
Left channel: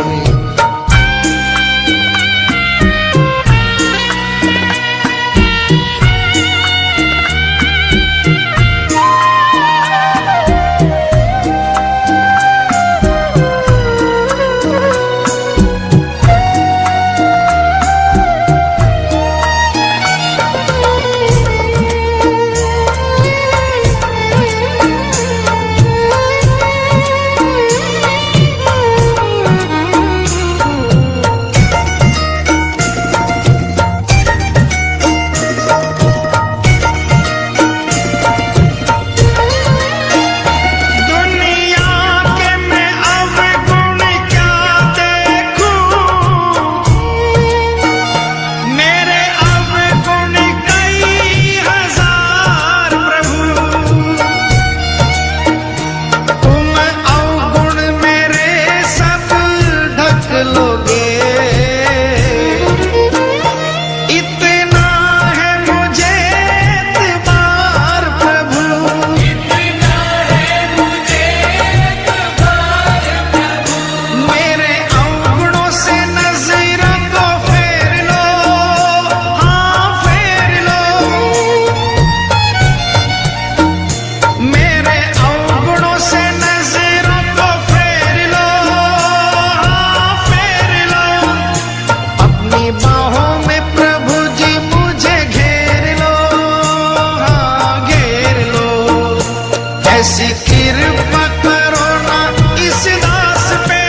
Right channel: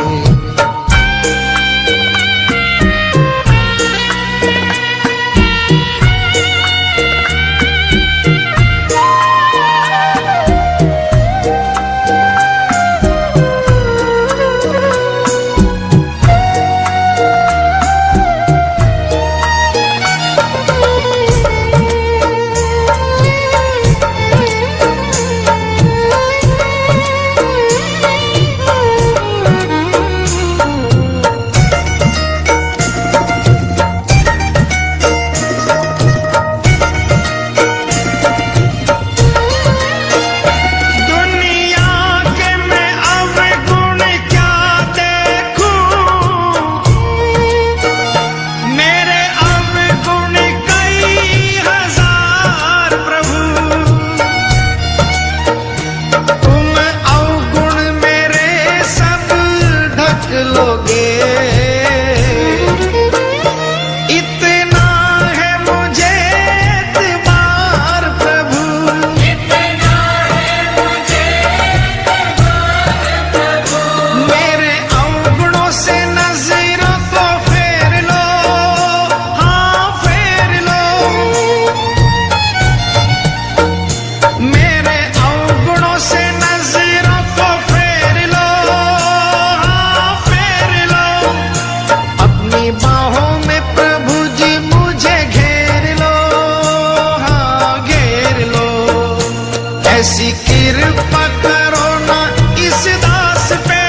ऐसी कृपा करो ना इस दास पे,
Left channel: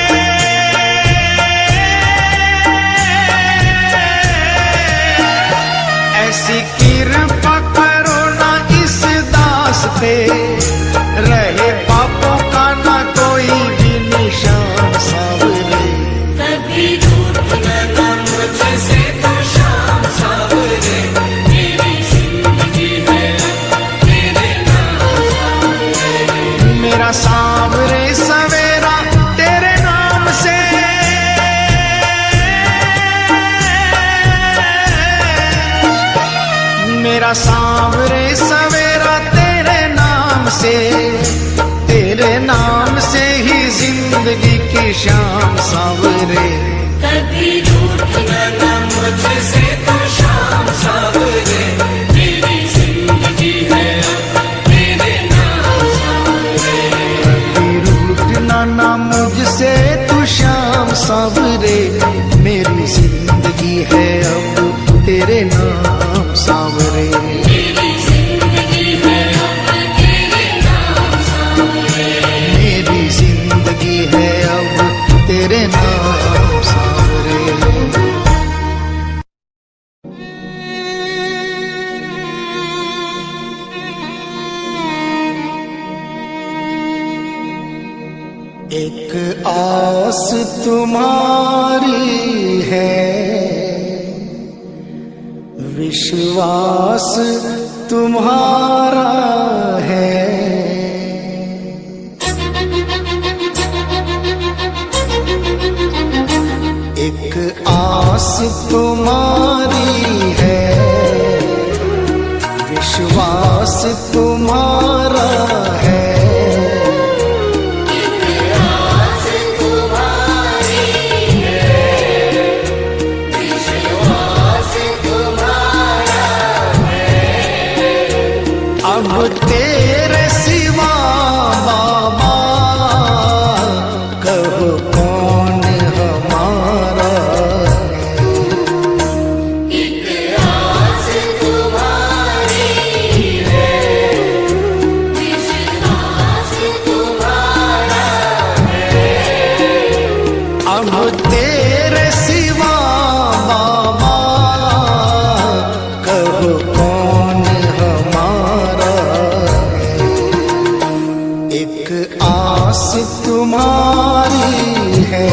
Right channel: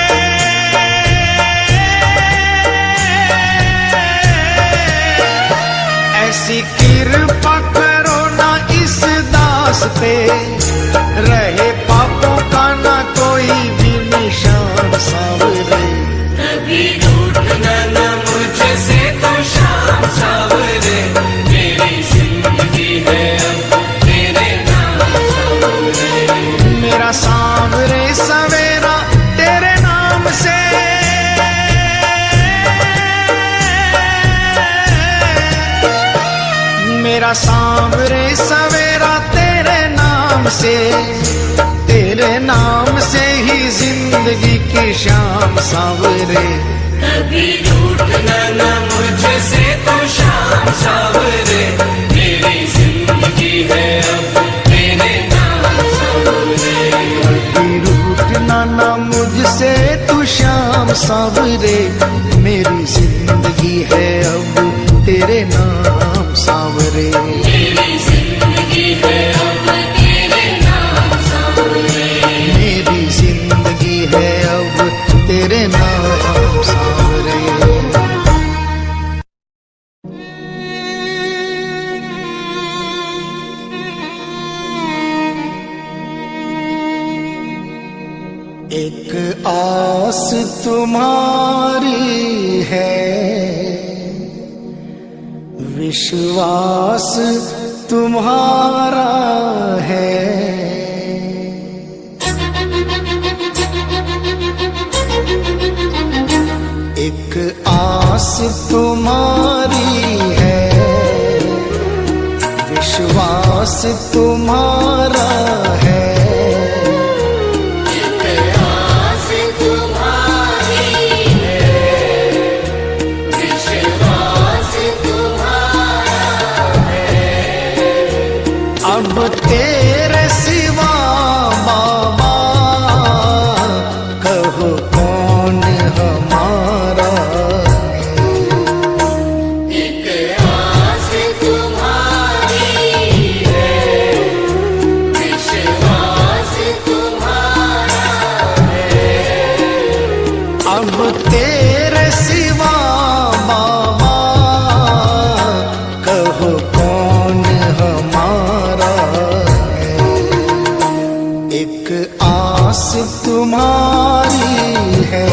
ऐसी कृपा करो ना इस दास पे, रहे पापों का ना कोई भी निशान। शान सावरे। मेरा सांवरे सवेरा तेरे नाम से, मेरा सांवरे सवेरा तेरे नाम से, तेरे नाम से ही जिंदगी की शाम सांवरे। ना मुझसे तू शाम सांवरे, मेरी जिंदगी है अब तेरे नाम सांवरे। मेरी जिंदगी है अब तेरे नाम सांवरे। एक आस तुम्हारी है, विश्वास तुम्हारा है। एक आस तुम्हारी है, विश्वास तुम्हारा है। अब तेरे सिवा बाबा कहो कौन हमारा है। एक आस तुम्हारी है, विश्वास तुम्हारा है। अब तेरे सिवा बाबा कहो कौन हमारा है। एक आस तुम्हारी है।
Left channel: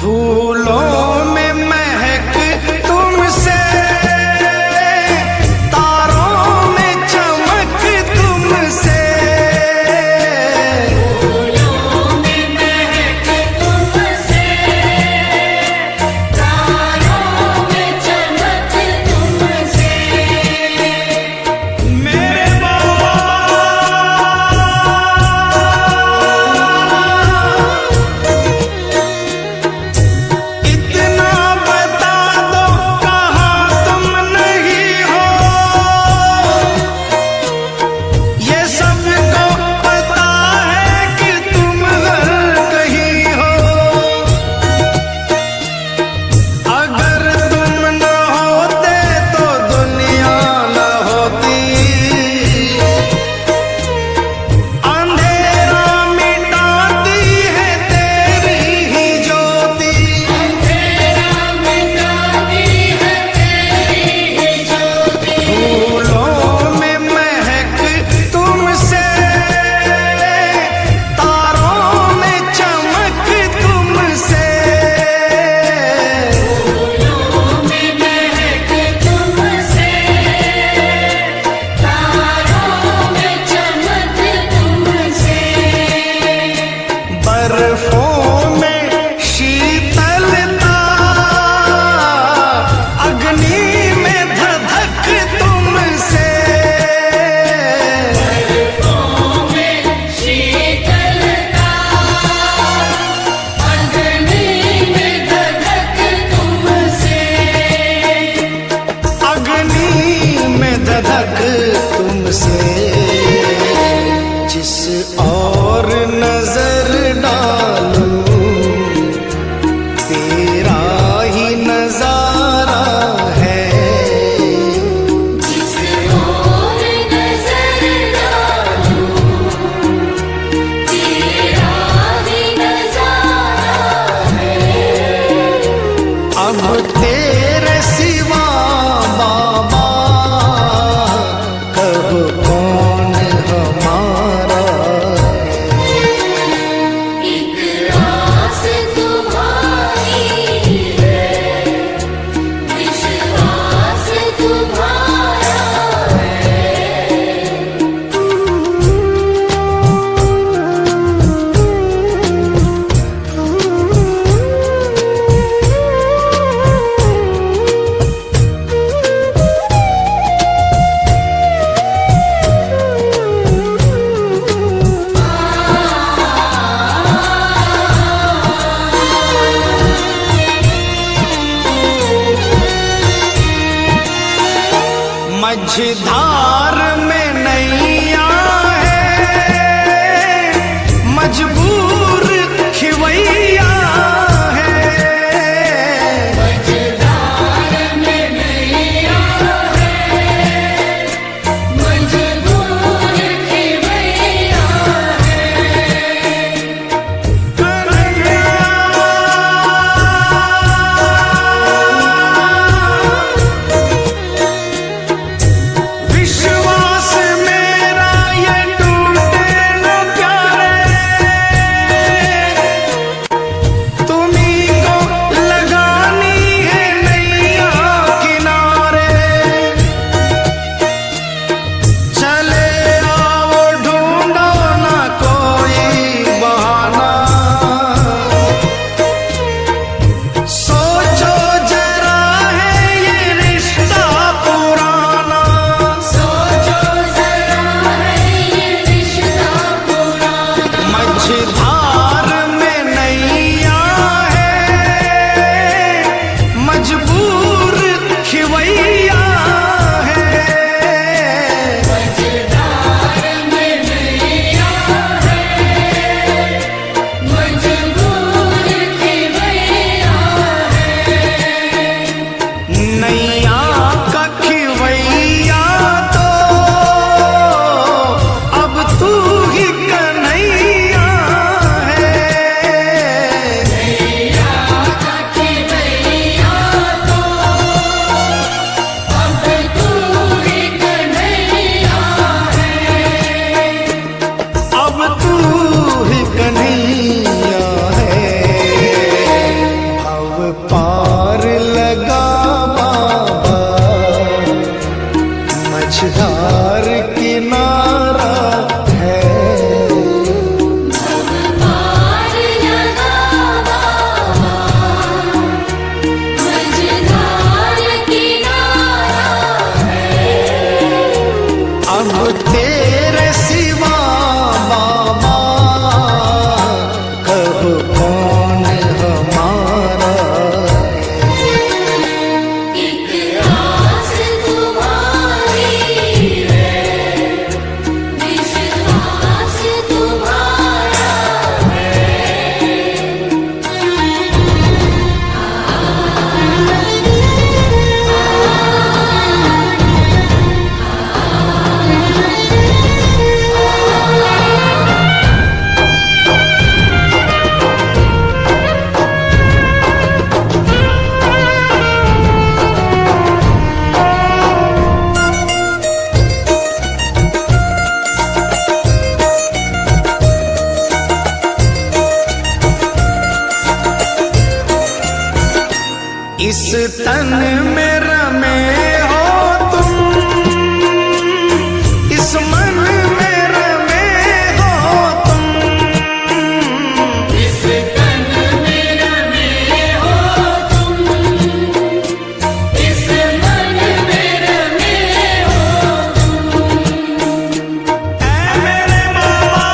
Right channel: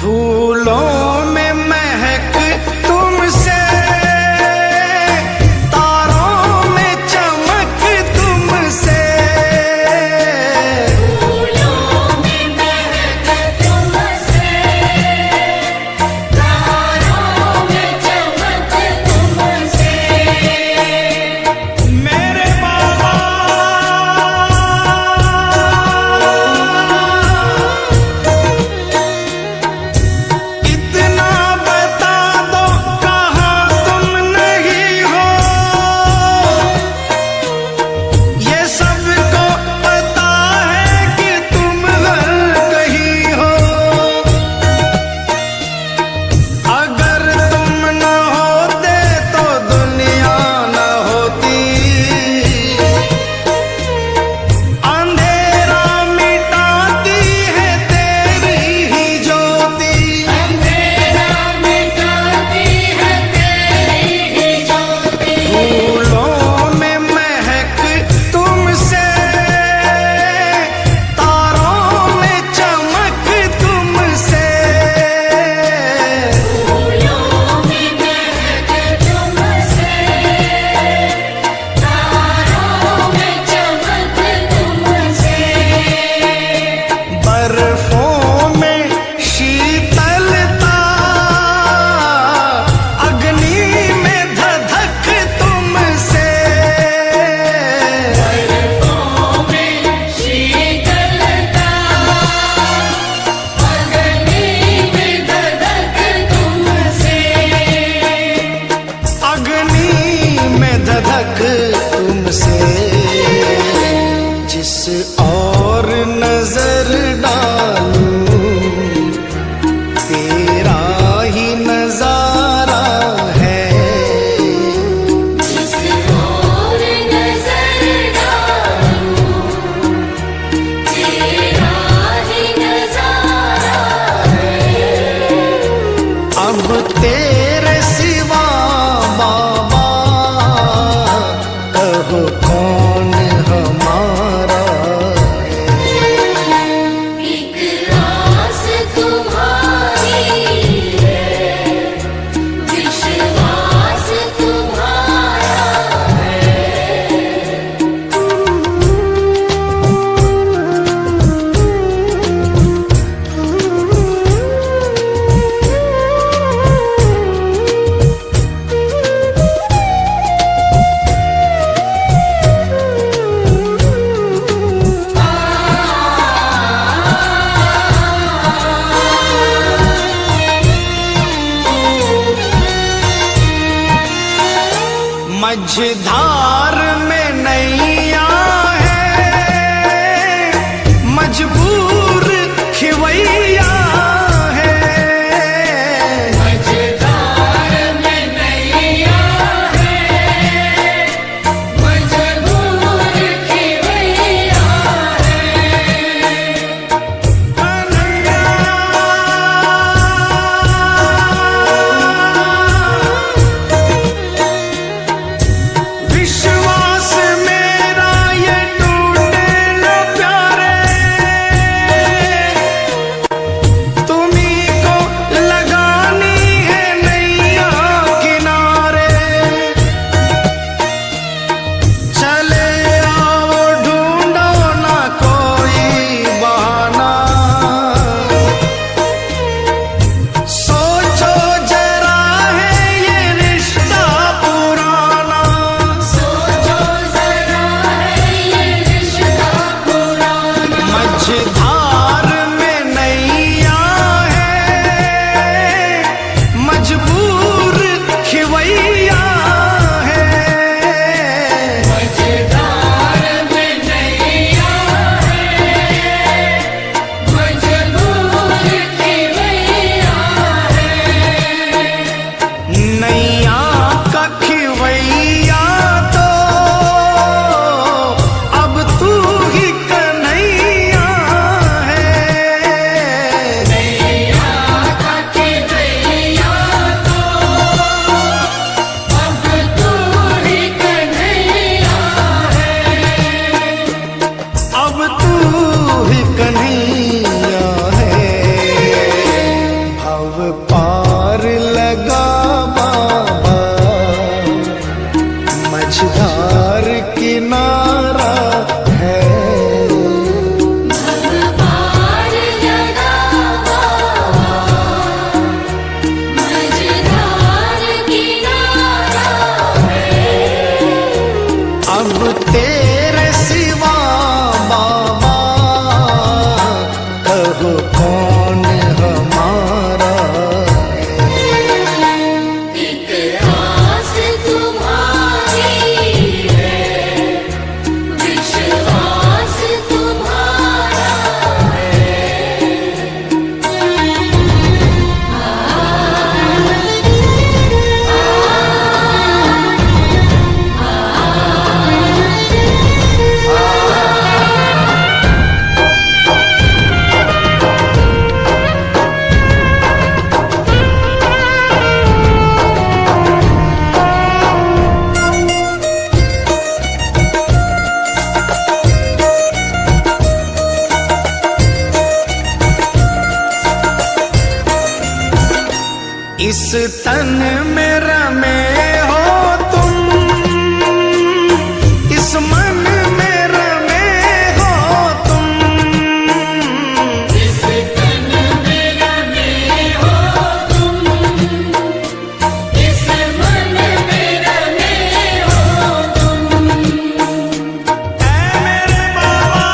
फूलों में महक तुमसे, तारों में चमक तुमसे। फूलों में महक तुमसे, तारों में चमक तुमसे। मेरे बाबा बर्फों में शीतलता, अग्नि में धधक तुमसे। बर्फों में शीतलता, अग्नि में धधक तुमसे। अग्नि में धधक तुमसे। जिस और नजर डालूं तेरा ही नजारा है। जिस ओर नजर डालूं तेरा ही नजारा है। अब तेरे सिवा बाबा कहो कौन हमारा है। एक रास तुम्हारी है, विश्वास तुम्हारा है। मझधार में नैया है, मजबूर खिवैया है। मझधार में नैया है, मजबूर खिवैया है। कन्हैया विश्वास मेरा ये टूटे न प्यारे, तुम्ही को लगानी है नैया किनारे। चले आओ ढूंढो ना कोई बहाना, सोचो जरा है ये रिश्ता पुराना। सोचो जरा है ये रिश्ता पुराना। मझधार में नैया है, मजबूर खिवैया है। मझधार में नैया है, मजबूर खिवैया है। नैया का खिवैया तो अब तू ही कन्हैया है। नैया का खिवैया तो अब तू ही कन्हैया है। अब तू ही कन्हैया है। भव पार लगा बाबा, मझधार किनारा है। भव पार लगा बाबा, मझधार किनारा है। अब तेरे सिवा बाबा कहो कौन हमारा है। एक आस तुम्हारी है, विश्वास तुम्हारा इस तन में रमे हो तुम, इस मन में रमे हो तुम। इस तन में रमे हो तुम, इस मन में रमे हो तुम। ऐ मेरे बाबा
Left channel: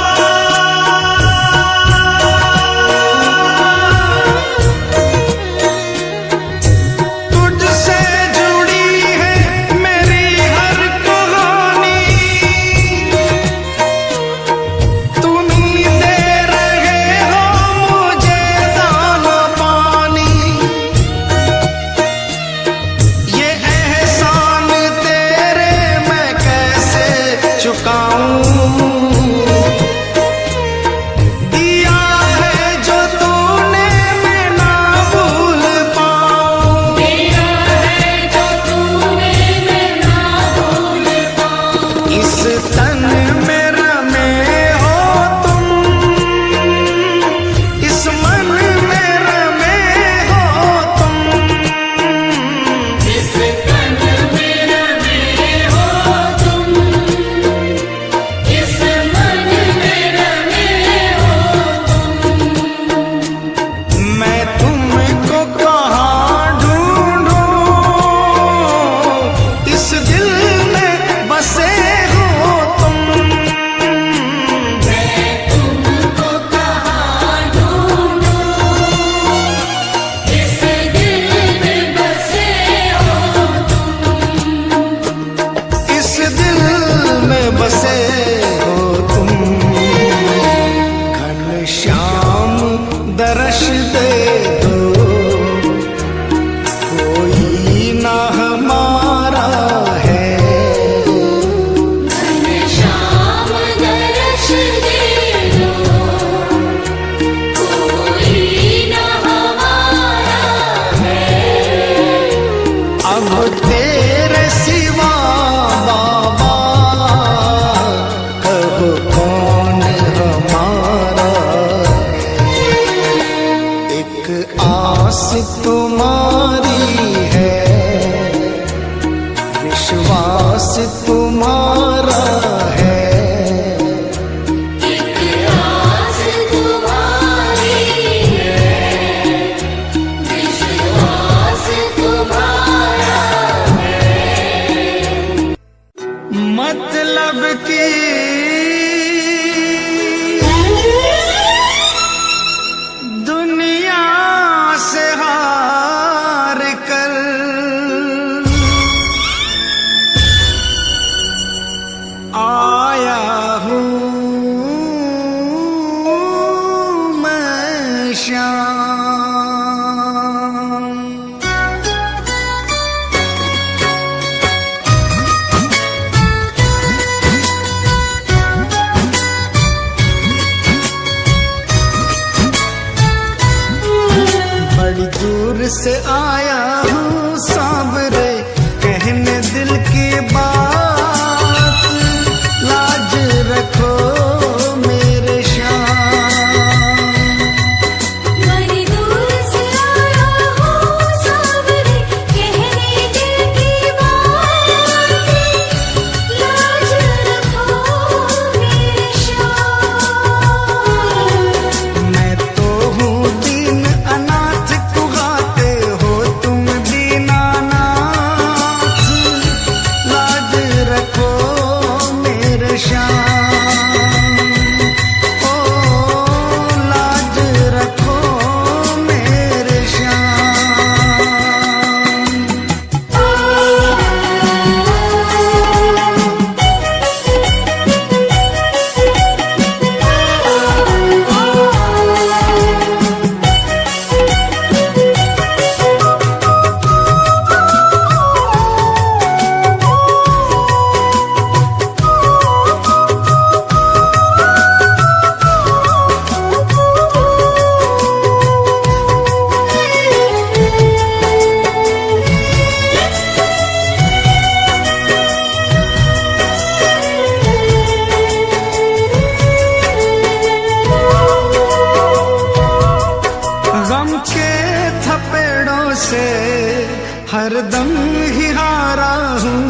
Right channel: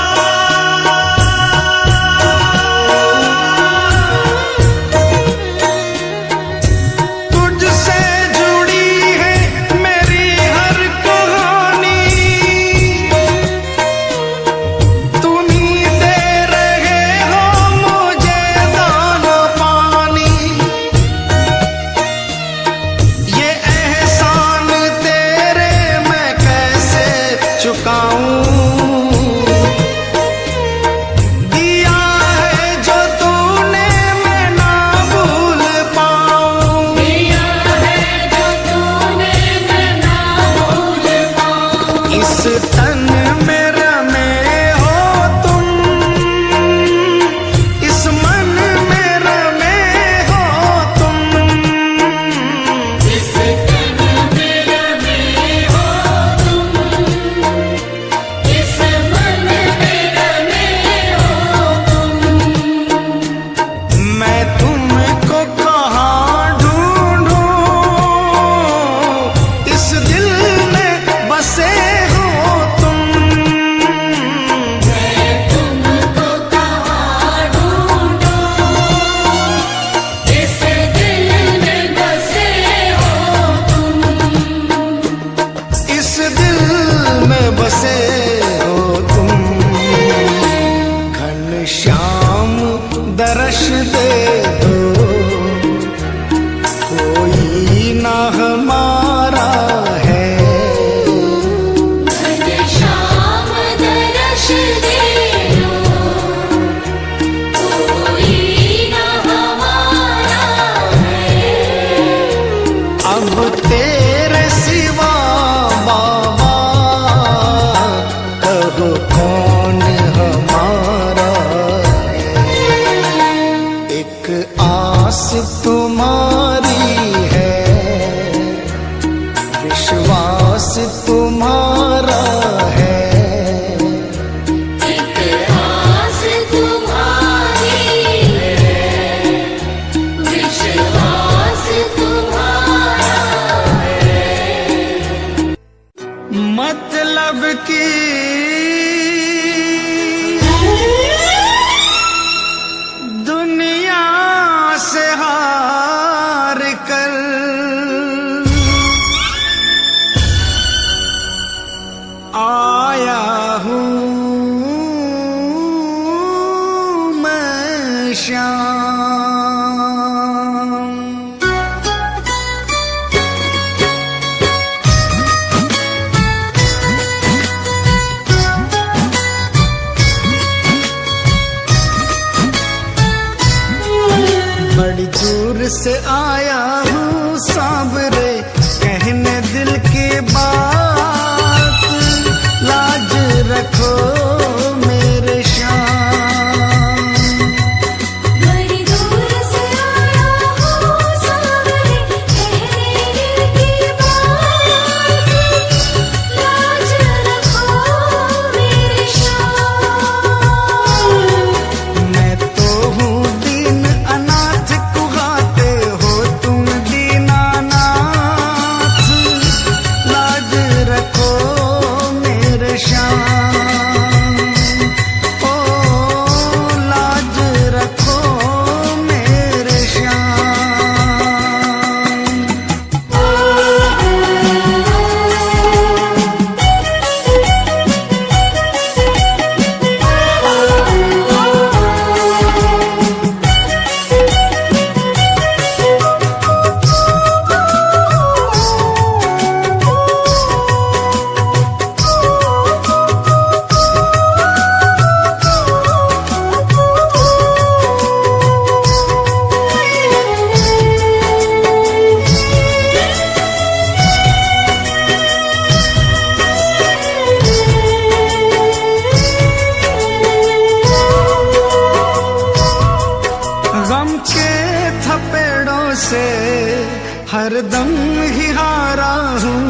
तुझसे दर्श दे दो, कोई ना हमारा है। घनश्याम दर्श दे दो, कोई न हमारा है। अब तेरे सिवा बाबा कहो कौन हमारा है। एक आस तुम्हारी है, विश्वास तुम्हारा है। एक आस तुम्हारी है, विश्वास तुम्हारा है। मतलब की दुनिया से हार कर आया हूँ मैं श्याम। बड़ी दूर से आया हूँ सांवरे, कहने दिल की बात, लाज रखो मेरे श्याम। बड़ी दूर से आया हूँ सांवरे, कहने दिल की बात, लाज रखो मेरे श्याम। मैं तो हूँ दीन अनाथ, कुहाते हो तुम दीनानाथ, लाज रखो मेरे श्याम। ओ लाज रखो मेरे श्याम। गम के थपेड़ों से हरदम ही हारा हूँ।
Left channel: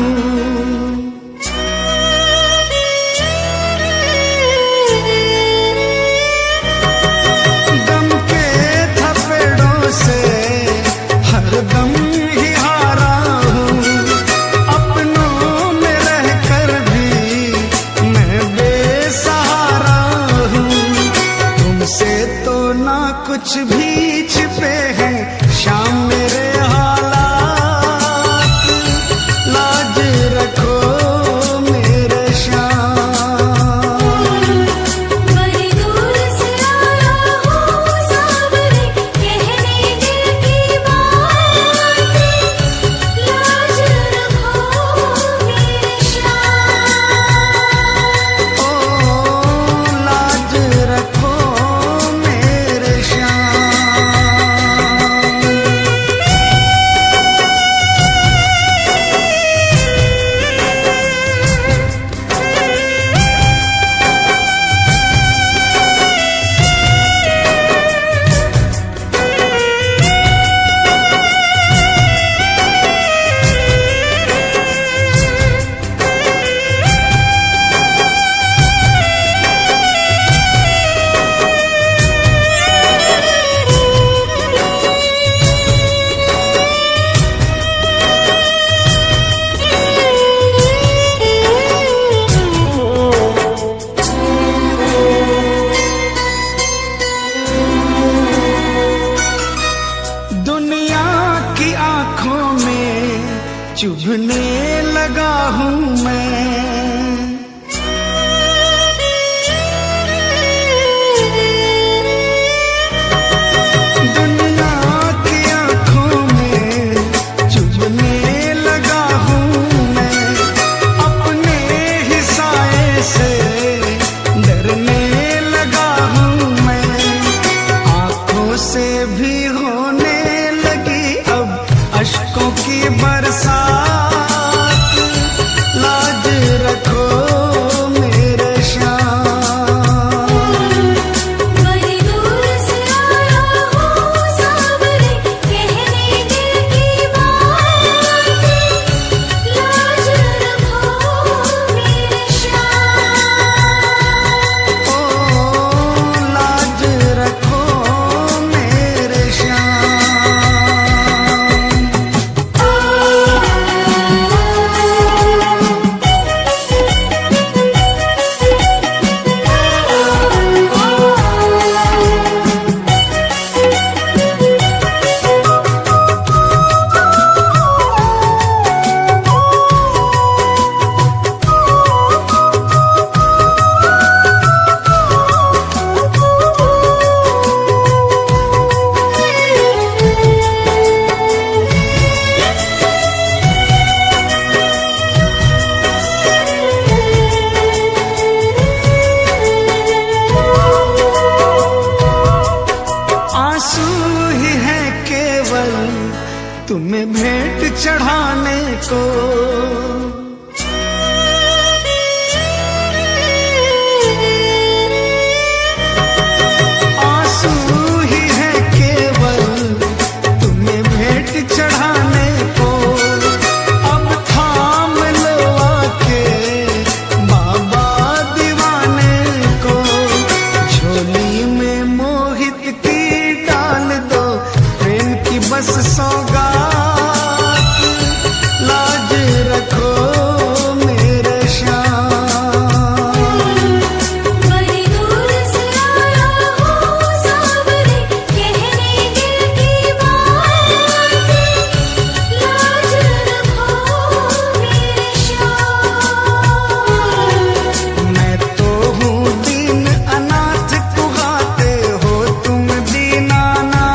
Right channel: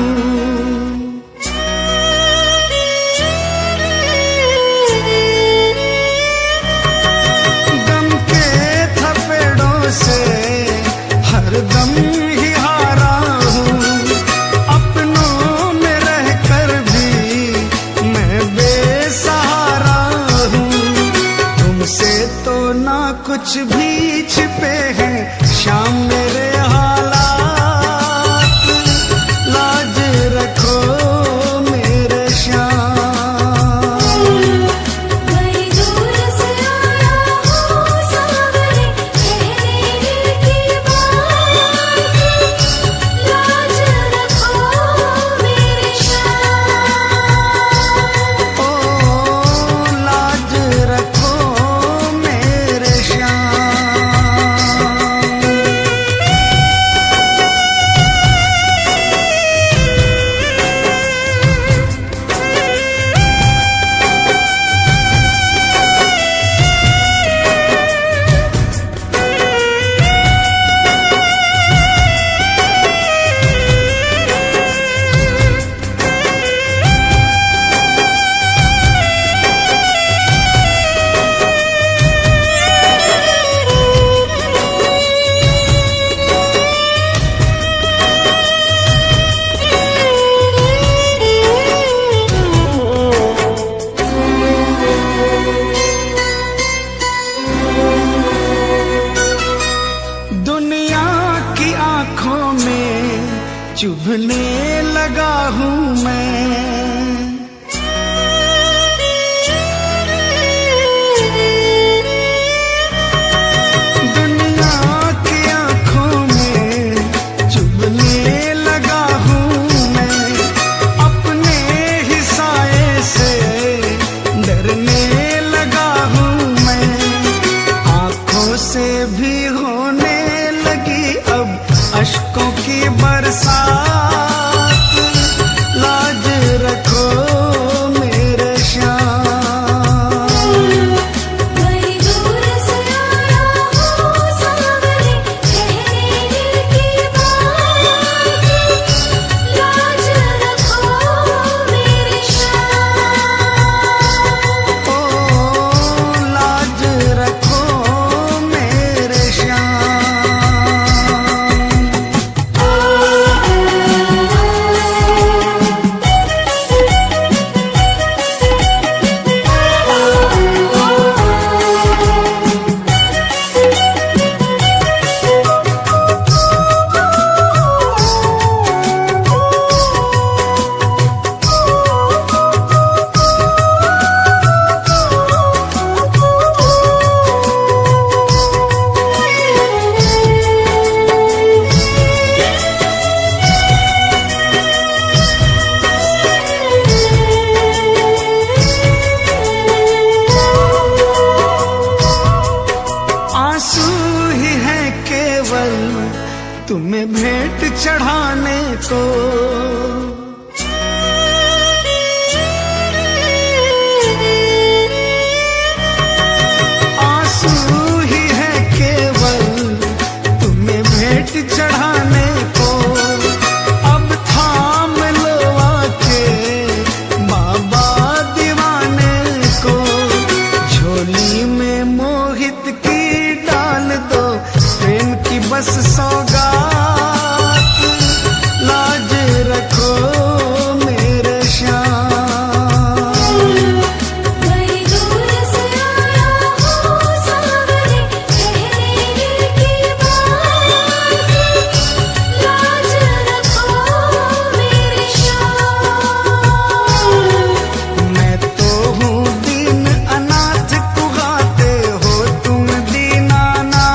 गम के थपेड़ों से हरदम ही हारा हूँ। अपनों में रहकर भी मैं बेसहारा हूँ। तुमसे तो ना कुछ भी छिपे हैं शाम मेरे हालात, लाज रखो मेरे श्याम। बड़ी दूर से आया हूँ सांवरे, कहने दिल की बात, लाज रखो मेरे श्याम। ओ लाज रखो मेरे श्याम। दुनिया की आंखों में चुभने लगा हूँ मैं। तुम्हें भेंट चढ़ाने को। आंसू ही है केवल तुम्हें भेंट चढ़ाने को। अब थाम लो आके बाबा दीवाने को। झोली में मोहित की डाल दो प्रेम की बस सौगात। लाज रखो मेरे श्याम। बड़ी दूर से आया हूँ सावरे, कहने दिल की बात। लाज रखो मेरे श्याम। मैं तो हूँ दीन अनाथ, कुहाते हो तुम दीनानाथ।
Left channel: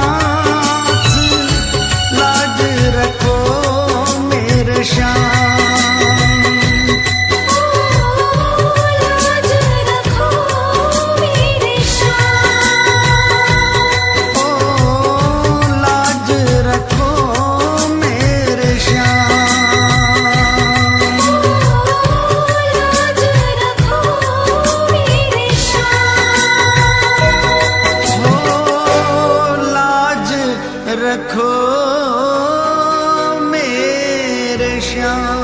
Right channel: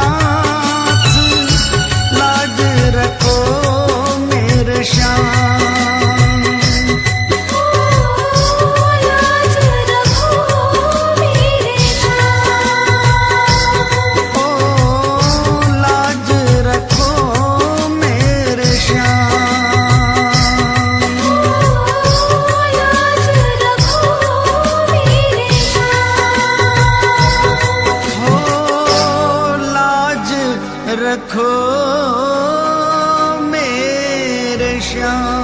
लाज रखो मेरे श्याम। लाज रखो मेरे श्याम। ओ लाज रखो मेरे श्याम।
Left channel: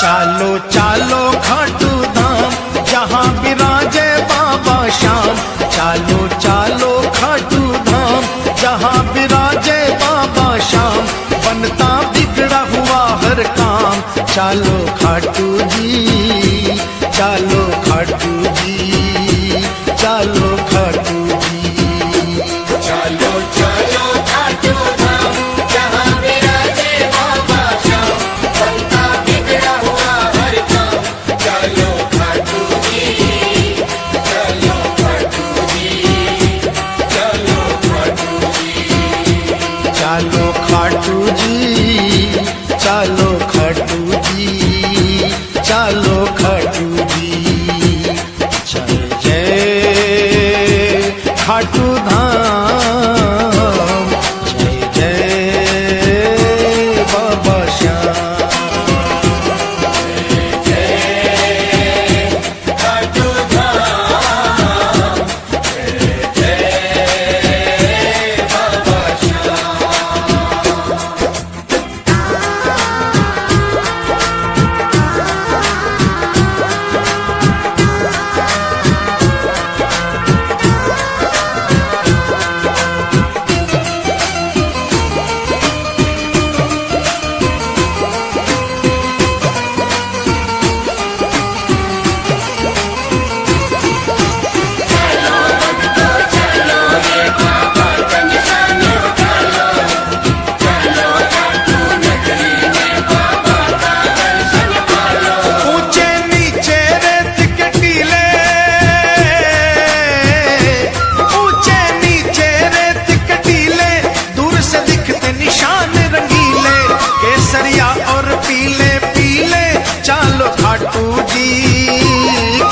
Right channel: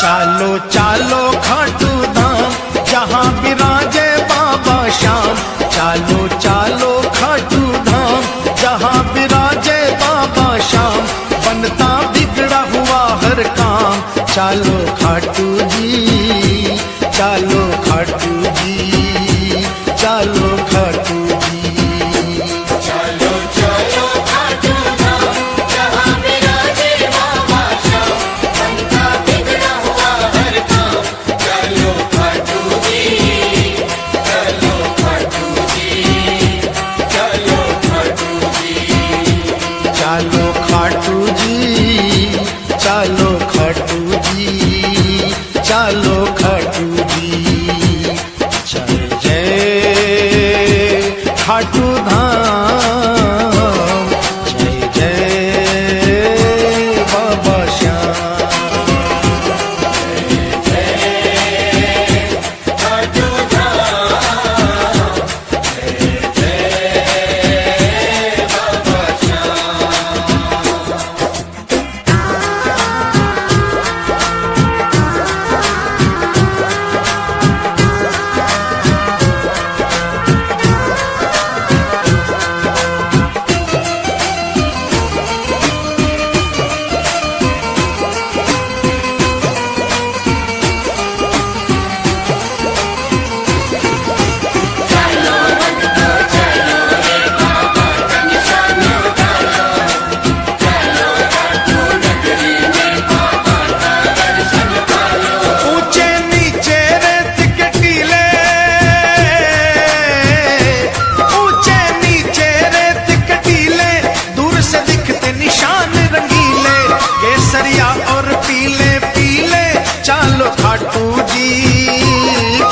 चालो चालो खाटू धाम, जहाँ विराजे बाबा श्याम। चालो चालो खाटू धाम, जहाँ विराजे बाबा श्याम। बनता बिगड़ा हुआ हर काम। चालो खाटू जी, चालो खाटू जी, चालो खाटू जी। चालो खाटू जी, चालो खाटू जी, चालो खाटू जी। जय जय खाटू धाम, जय जय बाबा श्याम। खाटू जी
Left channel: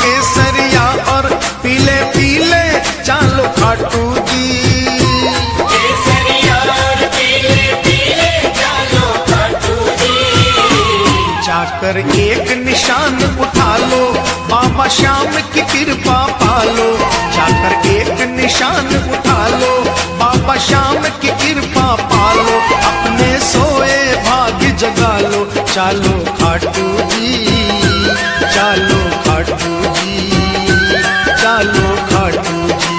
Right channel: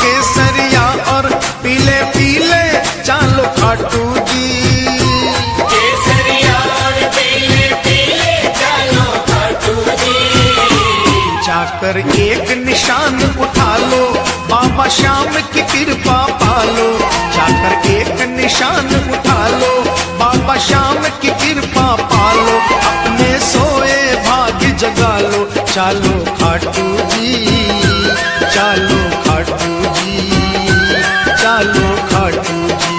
केसरिया और पीले पीले चालो खाटू जी। केसरिया और पीले पीले चालो खाटू जी। जाकर एक निशान उठा लो, बाबा श्याम की कृपा पालो। जाकर एक निशान उठा लो, बाबा श्याम की कृपा पालो। अपने सोए भाग्य जगा लो। चालो खाटू जी, चालो खाटू जी, चालो खाटू जी।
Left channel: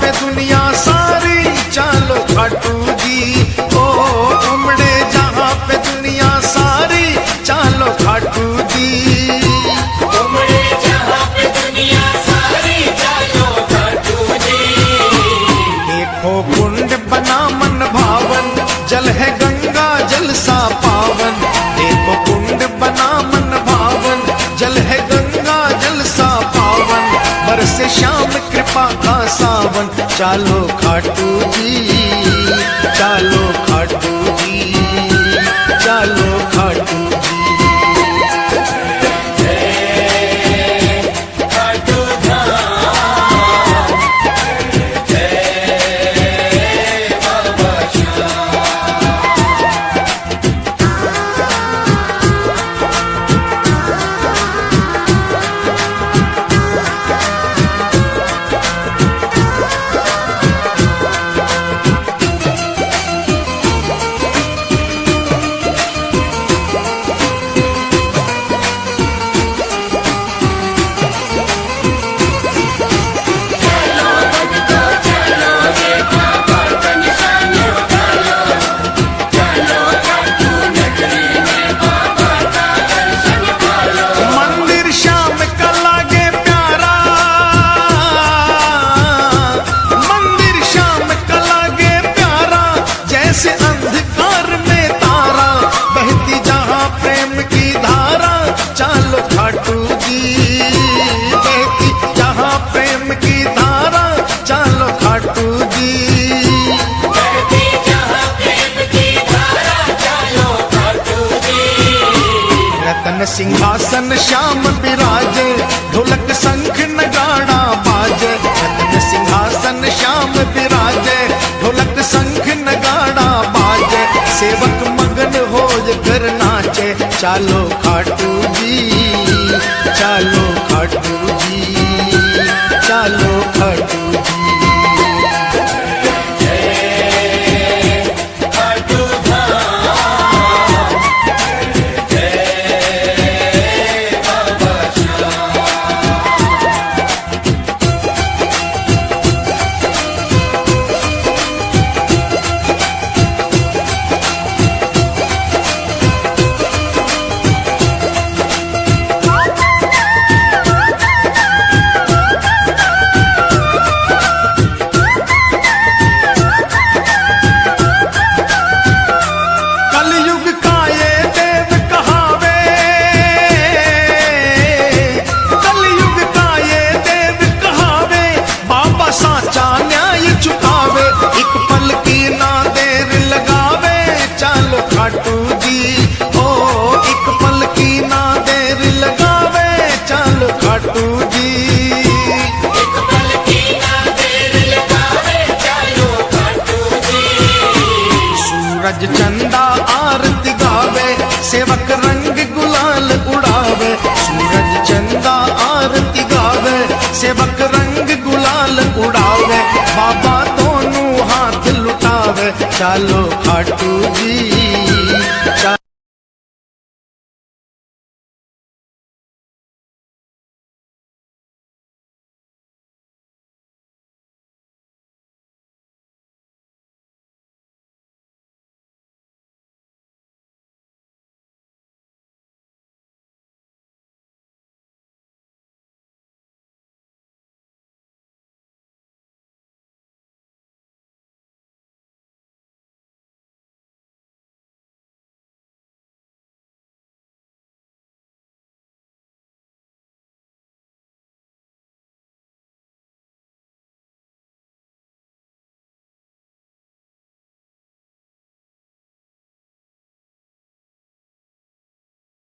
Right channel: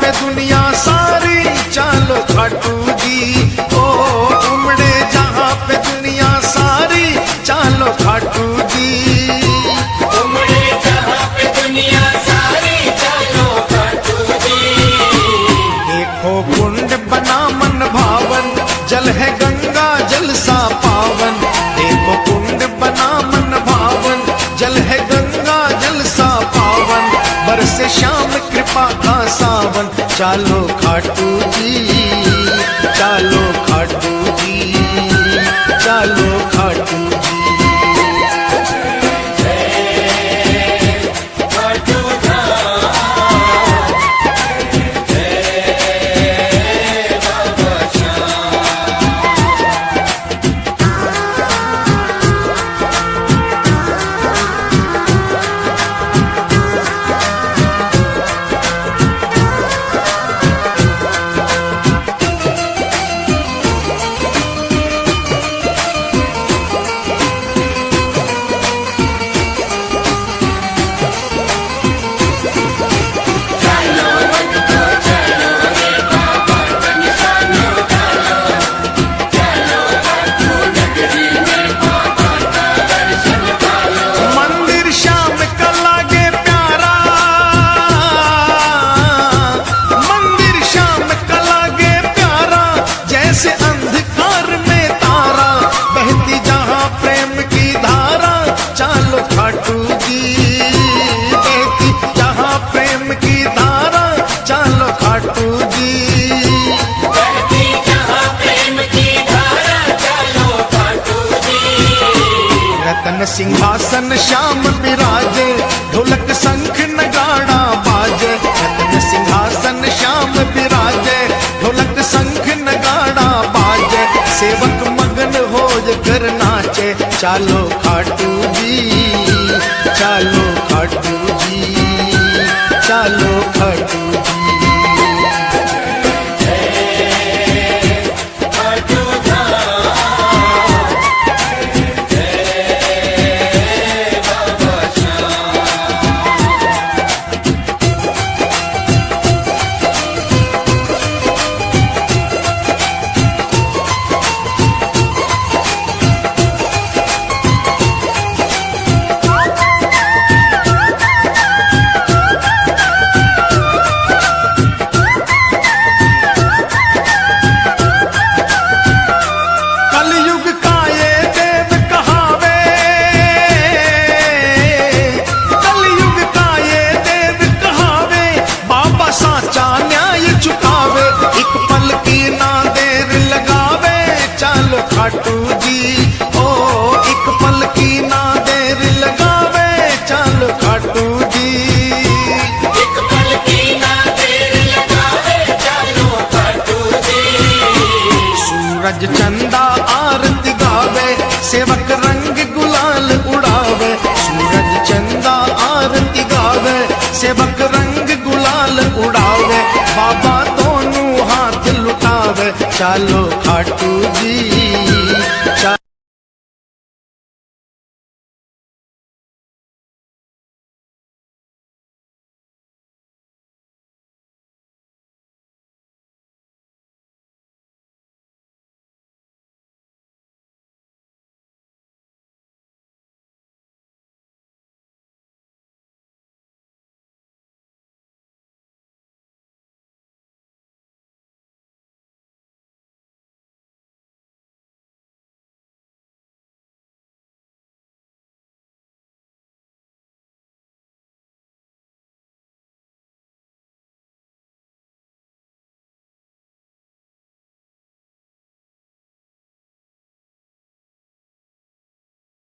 पे दुनिया सारी, चालो खाटू जी। ओ उमड़े जहाँ पे दुनिया सारी, चालो खाटू जी। देखो कुंड बना मन भावन, जल है गंगा जल सा पावन। देखो कुंड बना मन भावन, जल है गंगा जल सा पावन। बरसे श्याम कृपा का सावन, चालो खाटू जी, चालो खाटू जी, चालो खाटू जी। जैसे अंधकार में तारा, बहती जहाँ प्रेम की धारा, चालो खाटू जी। बहती जहाँ प्रेम की धारा, चालो खाटू जी। रतन सिंहासन श्याम विराजे, ढोलक शंख नगाड़ा बाजे। रतन सिंहासन श्याम विराजे, ढोलक शंख नगाड़ा बाजे। सेवक मगन हो कर नाचे, चालो खाटू जी, चालो खाटू जी, चालो खाटू जी। साचा न्याय चुकावे, एक पल की ना देर लगावे, चालो खाटू जी। ओ एक पल की ना देर लगावे, चालो खाटू जी। एक पल की ना देर लगावे, चालो खाटू जी। सूरज चंदा आरती गावे, सेवक रंग गुलाल उड़ावे। सूरज चंदा आरती गावे, सेवक रंग गुलाल उड़ावे। बाबा दोनों हाथ लुटावे, चालो खाटू जी।